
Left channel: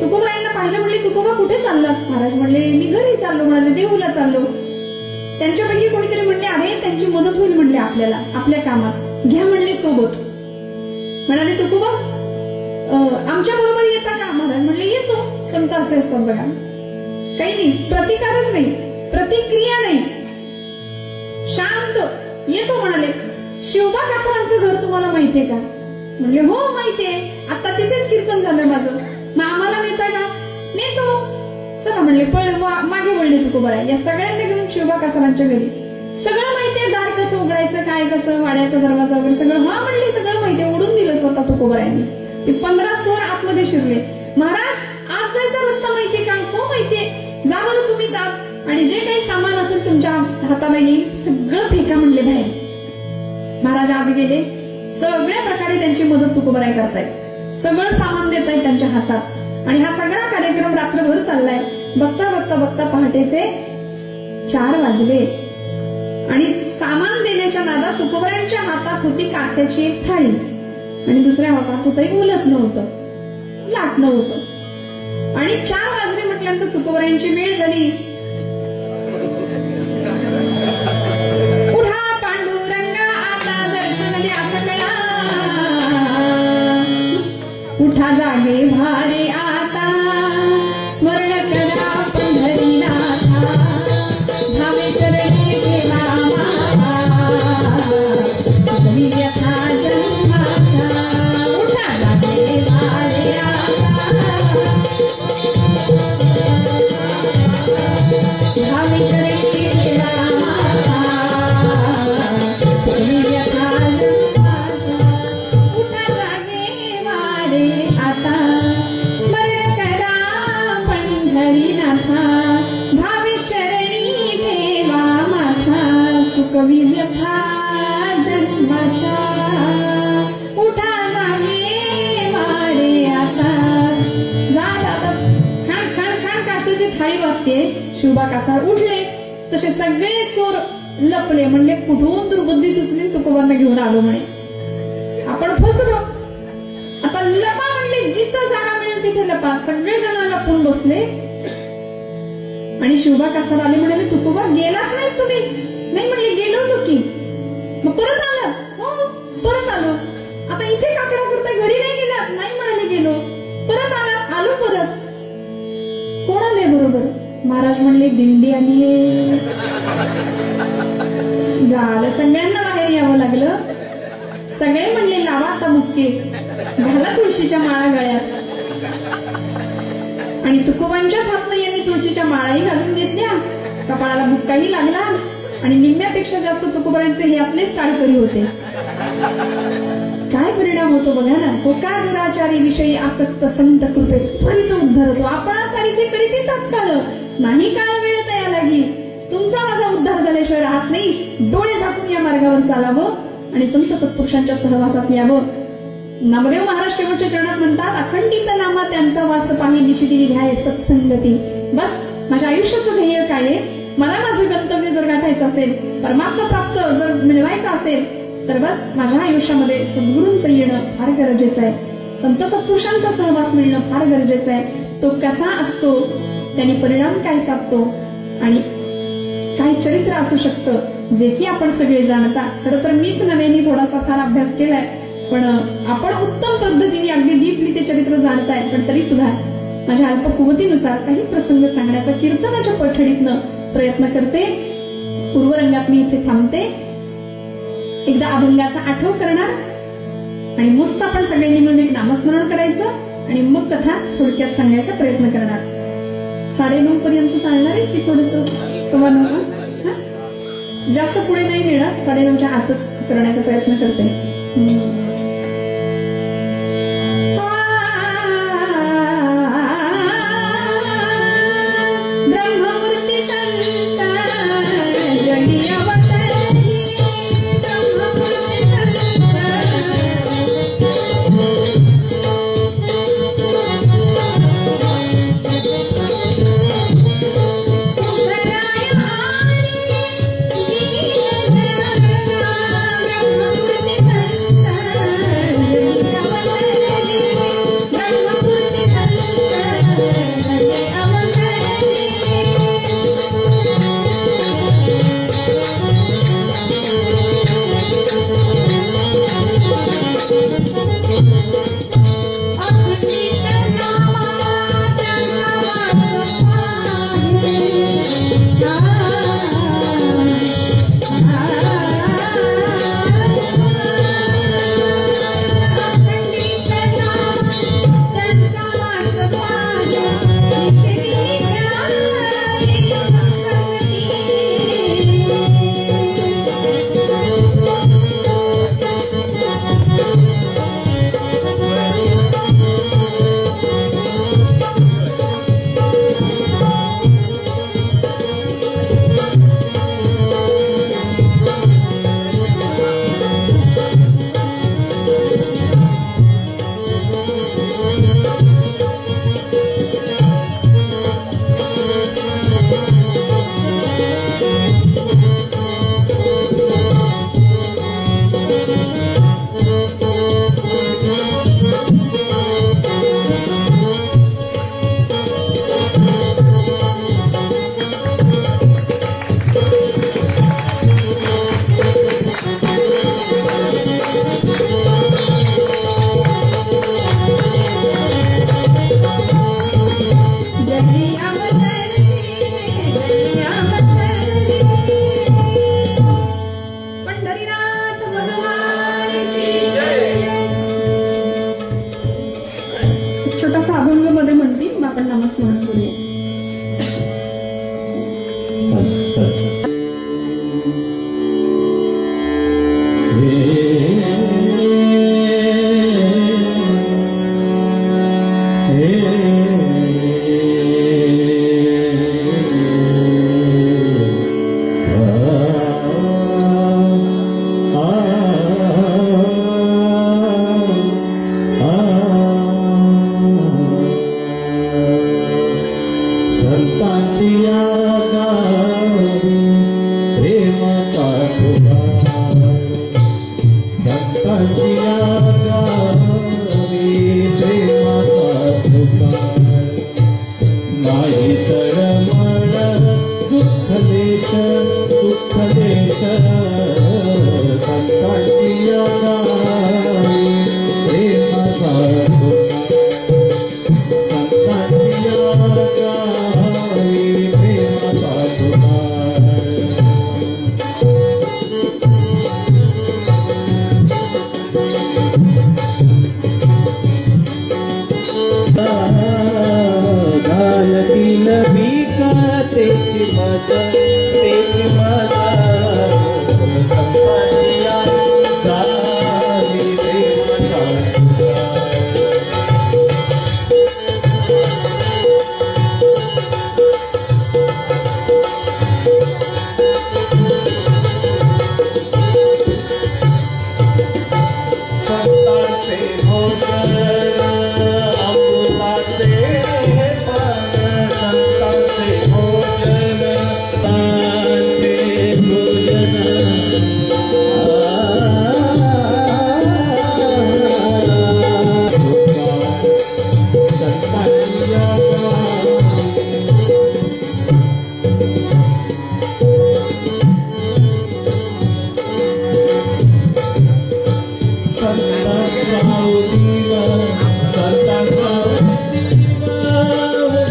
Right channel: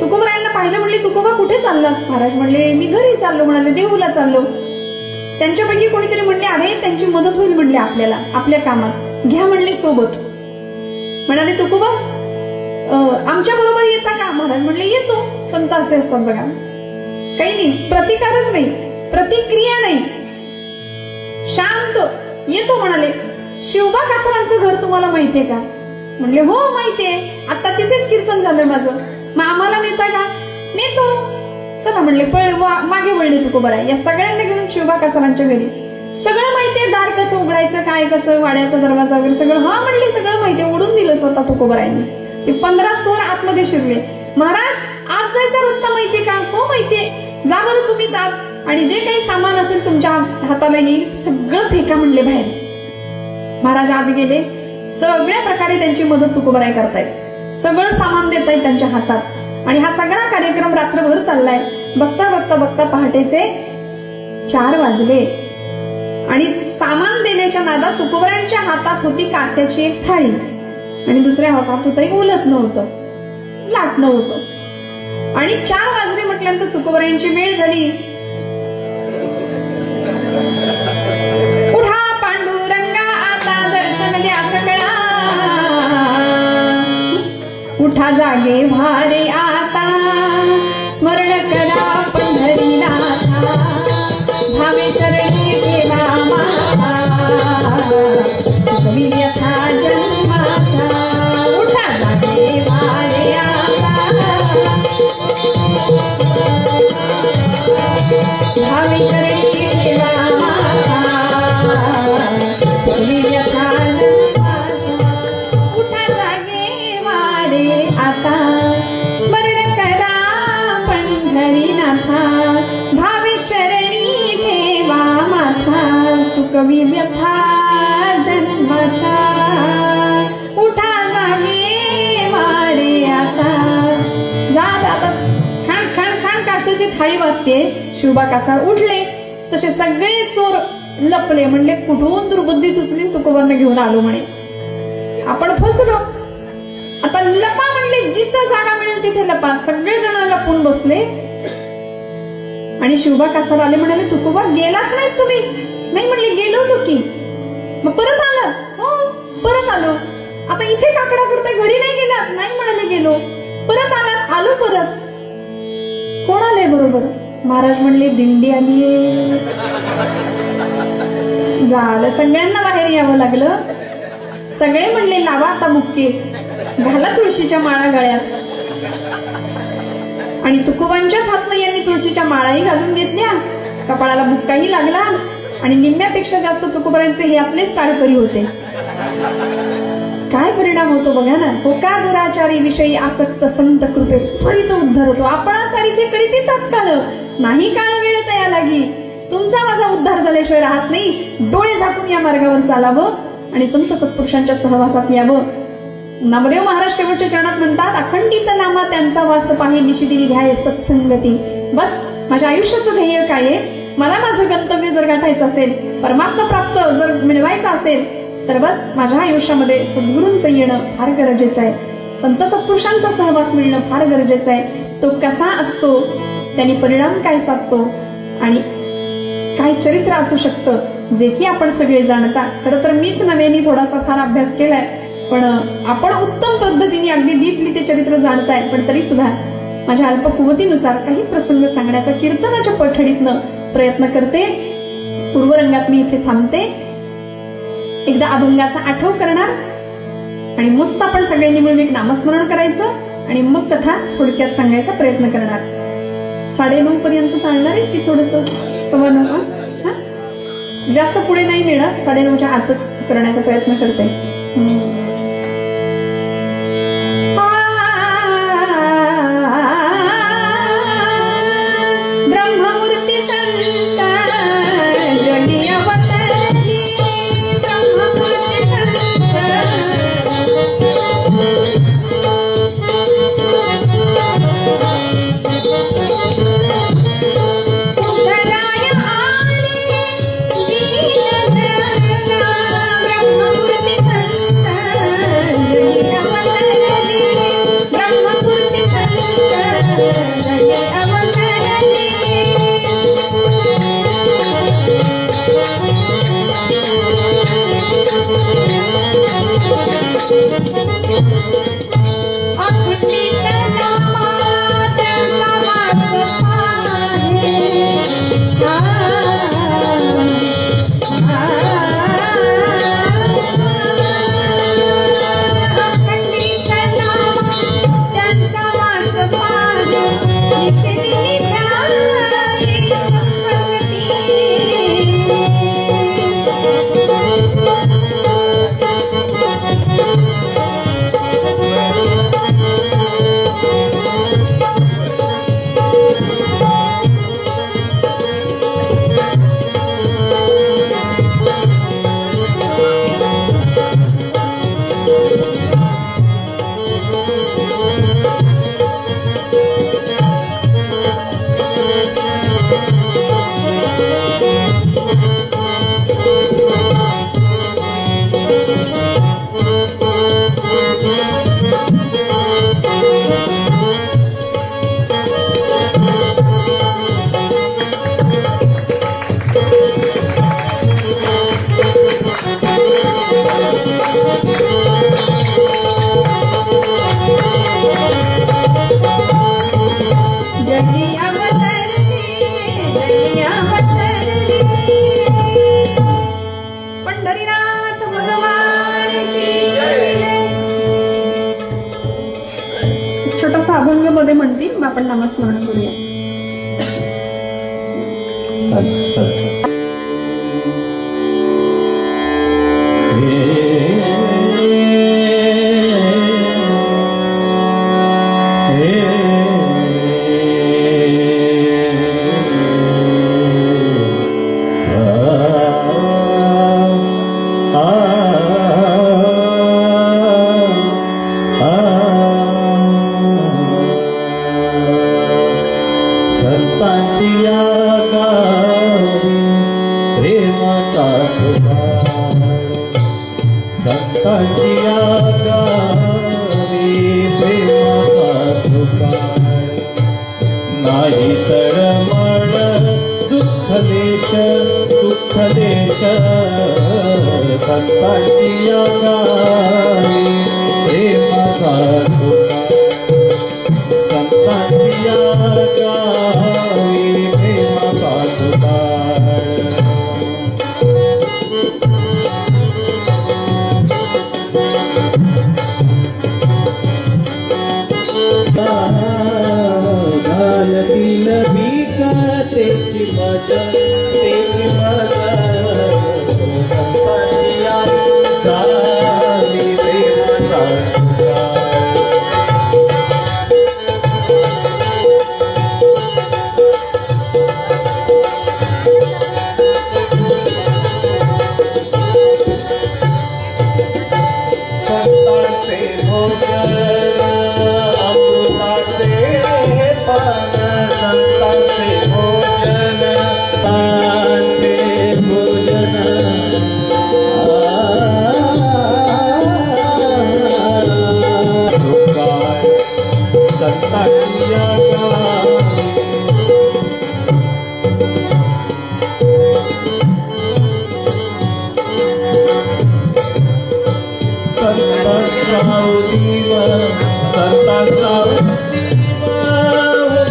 तुकोबरायांना पाहिलं, म्हणले तुकोबा कुठे चाललात? महाराज म्हणले मी घरी चाललो. म्हणाले देहूला चाललो. त्यांच्यापैकी कोणीतरी म्हणले, अरे त्यांची मदत होईल म्हणले आपल्याला आपल्या कामात, घ्या म्हणले सोबत. म्हणाले तुकोबा आमच्या बरोबर येता का? महाराज म्हणले येतो. संत असे असतात बघा, काही नाही, प्रतिकारच नाही, प्रतिक्रिया नाही, शांत येतो. म्हणाले शिवबा कासारांचं घर तुम्हाला माहितीये का? म्हणले हो माहितीये, आता तिथेच कीर्तन झालं माझं, मग आम्हाला नेता का? नेतो. चला म्हणले. मागे वळले तुकोबराय या सगळ्यांना घेऊन शिवबा कासारांच्या घरी. सगळं माहितीये, दार कसं उघडायचं, काय कसं, वाड्याचा दरवाजा वगैरे सगळं. हा म्हणले सगळं माहितीये. ओढून दिलं स्वतः तुकोबरायांनी. ते 15 चोर आतमध्ये शिरले. महाराज आत जायचा रस्ता माहितीये का? हो माहितीये. जा बरं तुम्हीच आत, आणि जे काही सामान असेल तुमच्या हाताला येईल सगळं फेका म्हणले बाहेर. महाराज आत गेले. सगळ्या प्रकारे त्यांची मदत तुकोबराय करतायत, सगळं सामान देत आहेत त्यांच्या हातात. आणि हा सगळा कार्यक्रम रात्रभर चाललाय. बघता बघता बघता पहाटेचे 4 वाजले आणि सामान देण्याच्या नादात तुकोबरायांच्या हातात होती कास्याची एक थाळी आणि दुसऱ्या हातात होतं उलट नव्हतं, लाट नव्हतं. आणि 4 वाजले म्हटल्यानंतर तुकोबरायांची वेळ झाली. उठा पांडुरंगा आता दर्शन द्या सकळा, उठा जागे भारे आता स्मरण करा पंढरीनाथा, भावे चरणी ठेवा माता व्यथा जन्माच्या. उठा जागे भारे आता भावे चरणी ठेवा माता व्यथा जन्माच्या. उठा जागे वारे आता स्मरण करा पंढरीनाथा, भावे चरणी ठेवा माथा चुकवी व्यथा जन्माच्या. उठा जागे वारे आता. जात आता खाण खाण खाण कासाची थाळी वाजते. शिवबा कासार उठले. तसे सगळे चोर लपले. म्हणले कुठून दुर्बुद्धी सुचली, तुकोबांना घेऊन आलो म्हणे, आपण फसलो. आता लपा म्हणले, जिथं जागा मिळेल तिथे लपा. सगळे जण लपून बसले आणि शिवबा कासार आले. म्हणाले तुकोबा गेलाच नाही तुम्ही? नाही म्हणले गेलो होतो की. मग परत आला? हो परत आलो. आता इथे काकडा करता घरी नाही गेलात? नाही म्हणाले गेलो. परत आलात? आलो परत. कोण आले बरोबर? महाराज म्हणले दिंडी आलीये. झालं, सगळ्यांना बाहेर यावं लागलं. सगळे म्हणले लावा आता मुक्के, घाला तुळशीच्या माळा गळ्यात. आणि तुकोबांच्याच हातनं यांनी तुळशीच्या माळाही घालून घेतल्या, कपाळाला बुक्काही लागला आणि निम्म्यापेक्षा जास्त तुकोबांचे हे आपलेच टाळकरी होते. काय परिणाम होतो बघा ना. कोका दुराचारी विषयी आसक्त संत कृपे त्वरित उद्धार होतो. आपणासारखे करीत तात्काळ नाही, काळ वेळ तया लागी. तुमचा माझा उद्धार झाल्याशिवाय राहत नाही. डोळे झाकून या मार्गावर चालावं आणि संत सत्पुरुषांच्या सहवासात यावं. नामदेव महाराज शेवटच्या चरणात म्हणतात, अखंडित नामा त्यांचा वास पाही निशिदिनी ध्याय सत्संगती. बस माझ्या आयुष्याचं ध्येय काय आहे? मला माझं गंतव्य जर गाठायचं असेल, परमात्मा प्राप्त जर मिळवायचं असेल, तर बस माझ्या आयुष्यामध्ये सद्गुरूंचं येणं फार गरजेचं आहे. संत सत्पुरुषांचा सहवास मिळणं फार गरजेचं आहे. तो कसा असतो, त्यांनी परिणाम काय साधतो आणि काय चरित्र असू शकतं, जे की आपण सगळे जाणता. खरं तर मीच नव्याने थोडासा फार अभ्यास केलाय, पण आपण उत्तम पद्धतीने अगदी डीपली ते चरित्र जाणताय. पण तरी सुद्धा माझ्या अल्प कुवतीनुसार काही प्रसंग सांगण्याचा कीर्तनाच्या पठडीतनं प्रयत्न करते. पूर्वरंगात मी इथे थांबते. एकदा अभंगाचा आठव करणार आणि मस्त आपण सगळ्यांनी मिळून एक नामस्मरण करायचं आणि मग कथा थोडक्यात सांगायचा प्रयत्न करणार. 9:30 पर्यंत चालणार आहे की थोडस 9:15? जास्त पुढे नाही मिळणार, 9:30च्या आतच करण्याचा प्रयत्न करते. ब्रह्ममूर्ती संत जगी अवतरली, ब्रह्ममूर्ती संत उधराय आली दीनजना, ब्रह्ममूर्ती संत जगी अवतरली, ब्रह्ममूर्ती संत जगी अवतरली. अखंडित नामात समास पाहे, अखंडित नामात त्यांचा वास पाहे, निषेधी निघाली सत्संगती. जगी अवतरली, जगी अवतरली. पंढरीनाथ भगवान की जय. छोटासा अभंग मध्ये म्हणतील, मग आपण नामस्मरण करूया. नाही तळमळ दुःख देश संतांची गावी प्रेमाचा संतांची गावी प्रेमाचा घालतील भिका तेची मजा संतांची गावी प्रेमाचा संतांचे भोजन अमृताचे पान संतांचे भोजन तांचे भोजन संतांची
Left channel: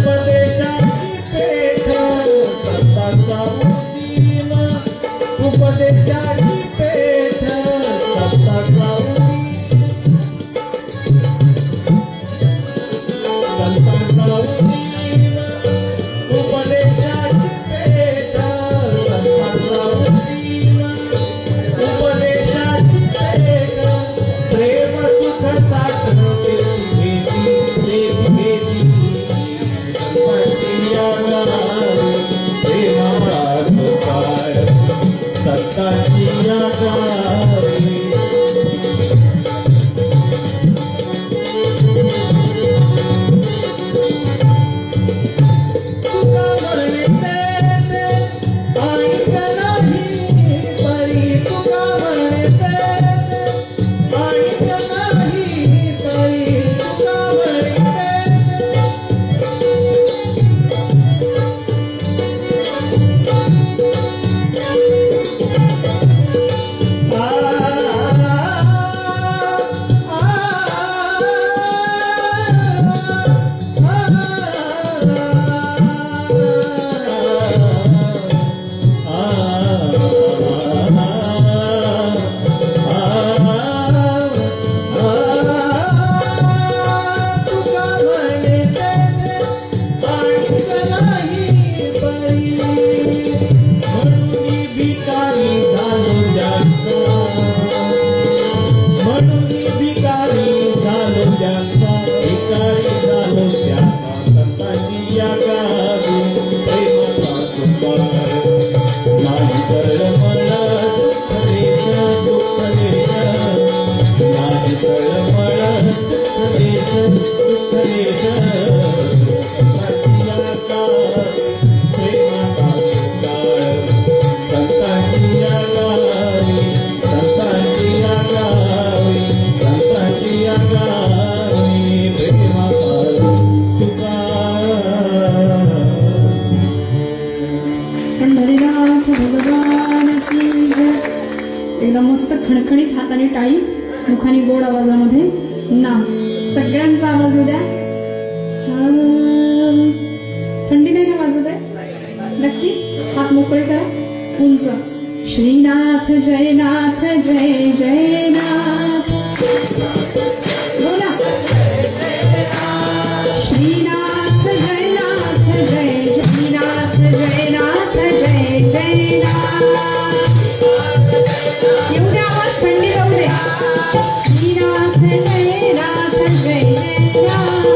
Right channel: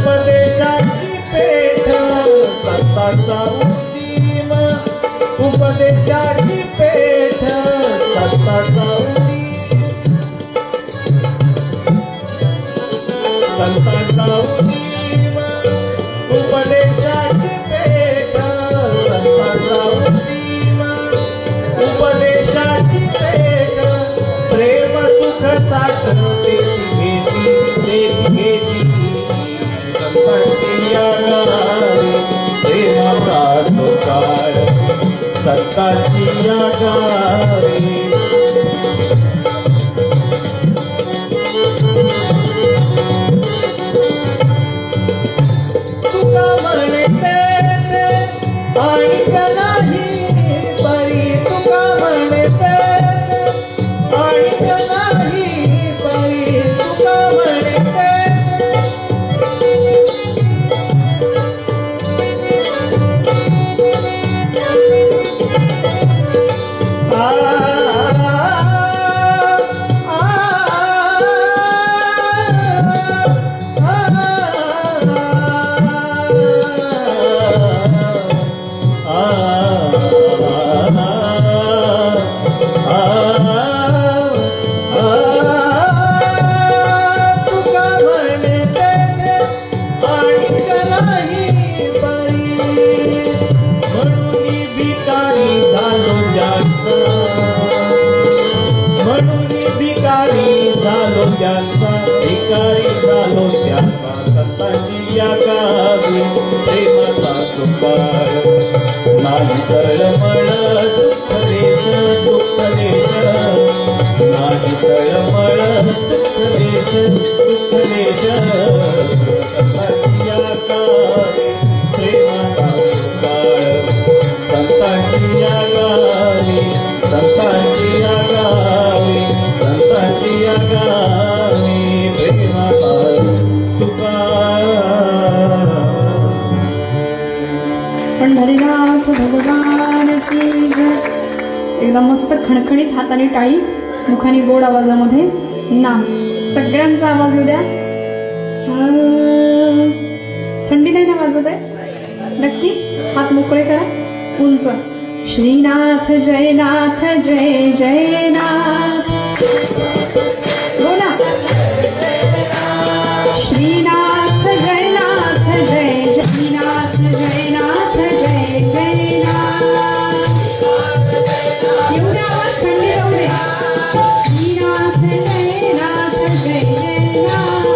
उपदेशाची पेठ उपदेशाची पेठ संतांचा संतांची या गावी तुका म्हणते आणि नाही परी तुका म्हणते आणि नाही परी तुका म्हणते पंढरीनाथ भगवान की जय. एकदम मस्त खणखणीत हाताने टाळी, मुखाने गोड आवाजामध्ये नाम. सगळ्यांचा आवाज येऊ द्या. थंडी नाही ना वाजत आहे? नक्की हात मोकळे करा उंच. श्रीनाथ जयनाथ जय जयनाथ बोला. श्रीनाथ जयनाथ जय श्रीनाथ जयनाथ जय जयनाथ. येऊ द्या आवाज, थंडी जाऊ दे. श्रीनाथ जयनाथ जय जयनाथ.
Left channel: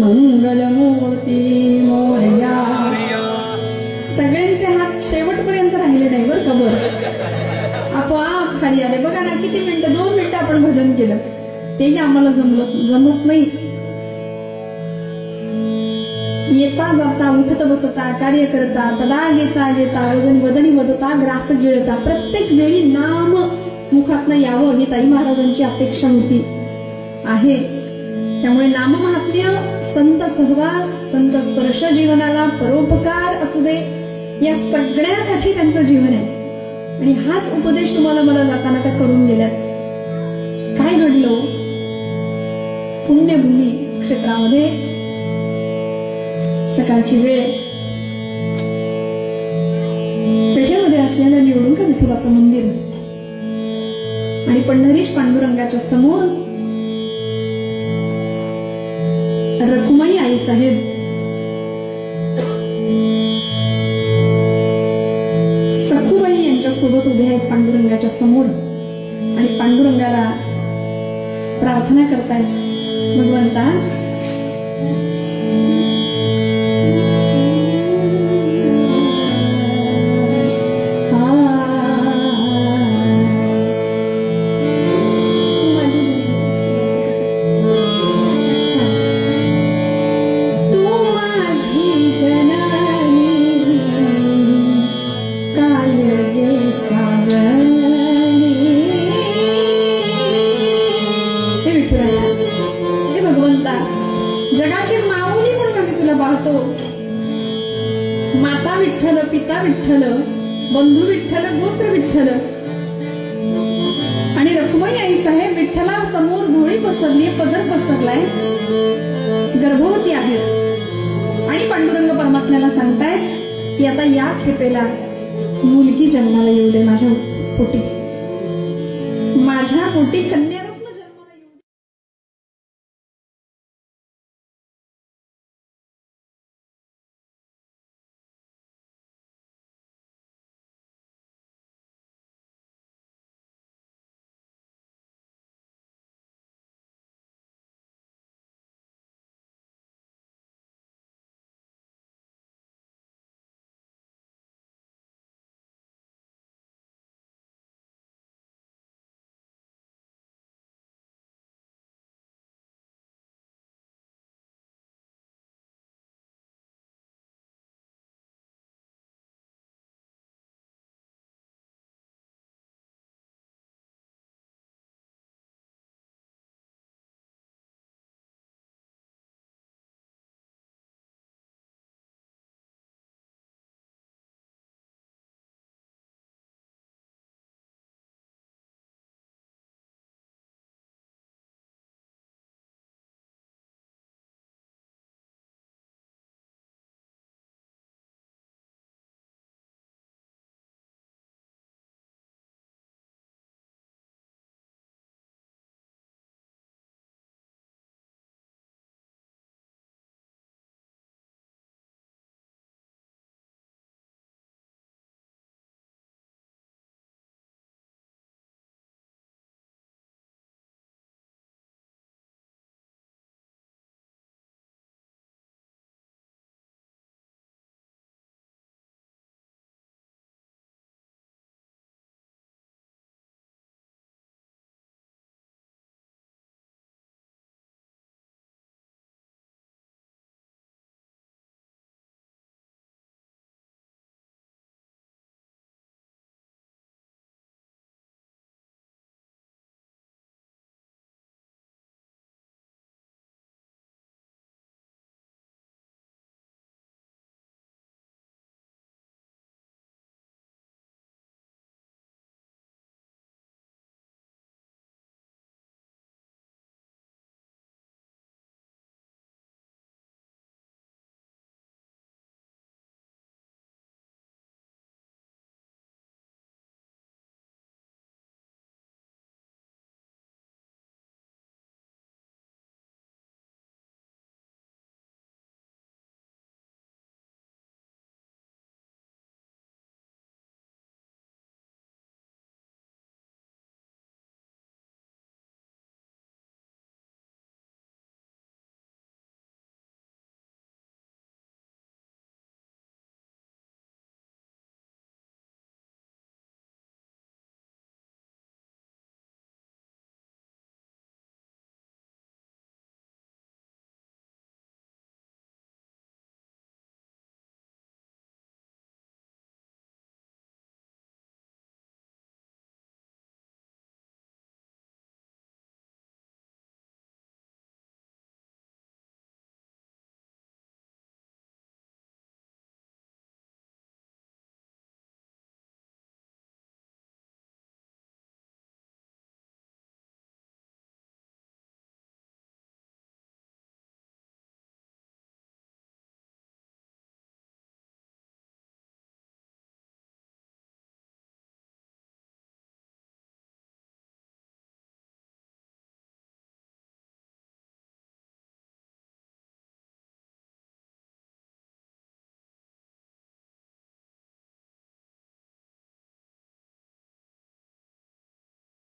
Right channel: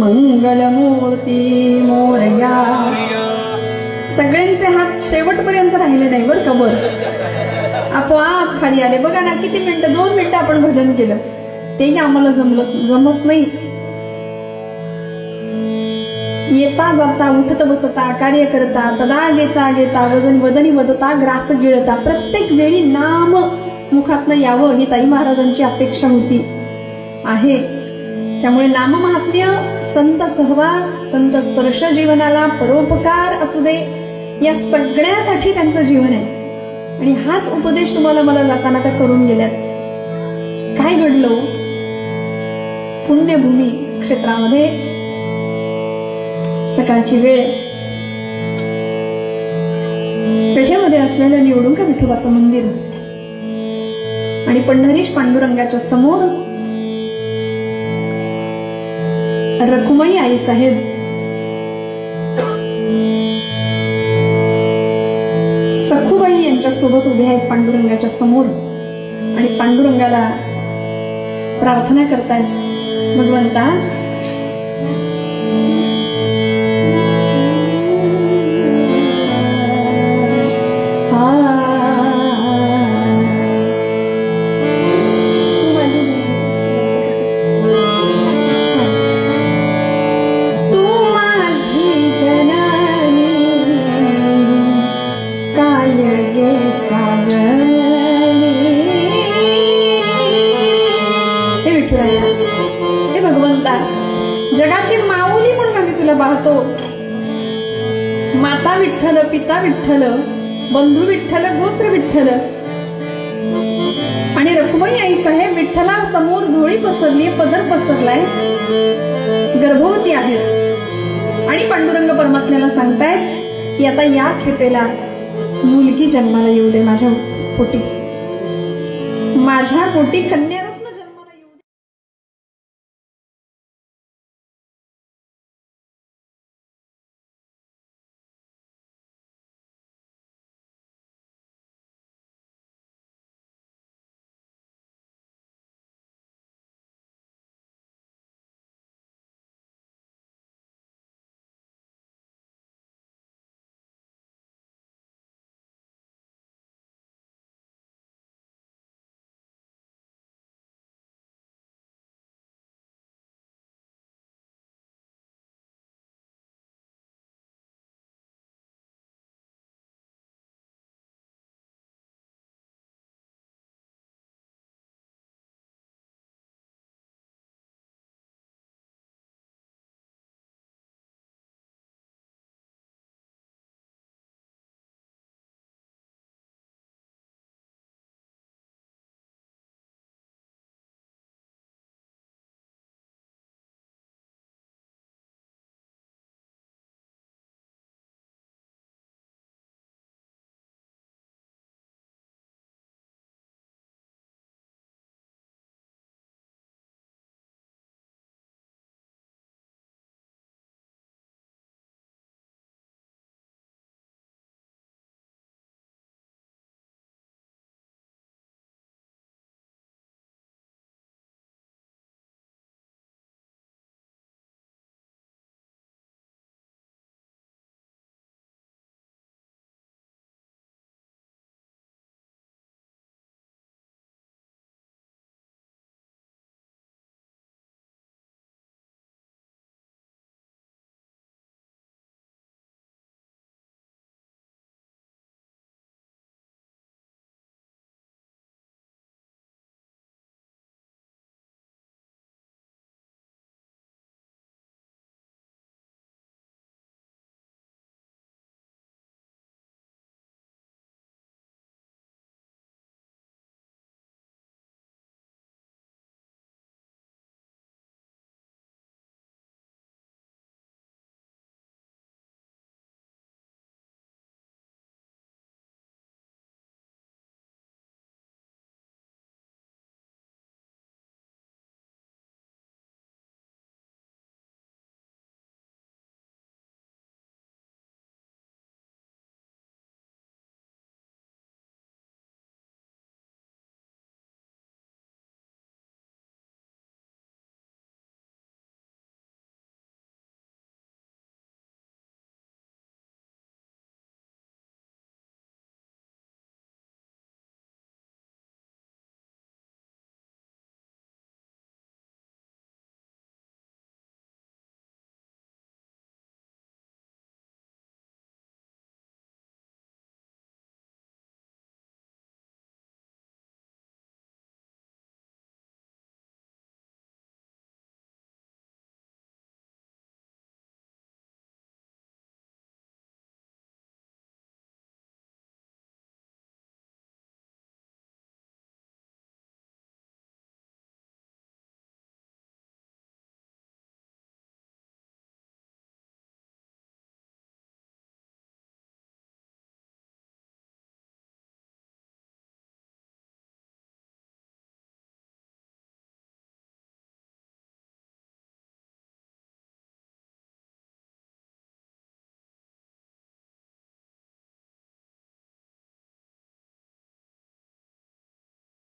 मंगलमूर्ती मोरया. सगळ्यांचे हात शेवटपर्यंत राहिले नाही बरं का. बरं आपोआप खाली आले बघा ना. किती मिनिटं, 2 मिनिटं आपण भजन केलं, तेही आम्हाला जमत नाही. येता जाता उठत बसता कार्य करता तदा घेता घेता वदनी वदता ग्रास गिळता. प्रत्येक वेळी नाम मुखातनं यावं ही ताई महाराजांची अपेक्षा होती आहे. त्यामुळे नाममहात्म्य, संत सहवास, संत स्पर्श जीवनाला परोपकार असू दे, या सगळ्यासाठी त्यांचं जीवन आहे. आणि हाच उपदेश तुम्हाला मला जाताना त्या करून गेल्यात. काय घडलं पुण्यभूमी क्षेत्रामध्ये? सकाळची वेळ, पेठेमध्ये असलेलं निवडुंग विठोबाचं मंदिर आणि पंढरीश पांडुरंगाच्या समोर रखुमाई आई साहेब सखुबाई यांच्या सोबत उभे आहेत पांडुरंगाच्या समोर आणि पांडुरंगाला प्रार्थना करतायत. भगवंता, जगाची माऊली म्हणून आम्ही तुला पाहतो. माता विठ्ठल, पिता विठ्ठल, बंधू विठ्ठल, गोत्र विठ्ठल आणि रखुमाई आई साहेब विठ्ठला समोर झोळी पसरली, पदर पसरलाय, गर्भवती आहेत आणि पांडुरंग परमात्म्याला सांगतायत की आता या खेपेला मुलगी जन्माला येऊ दे माझ्या पोटी, माझ्या पोटी कन्या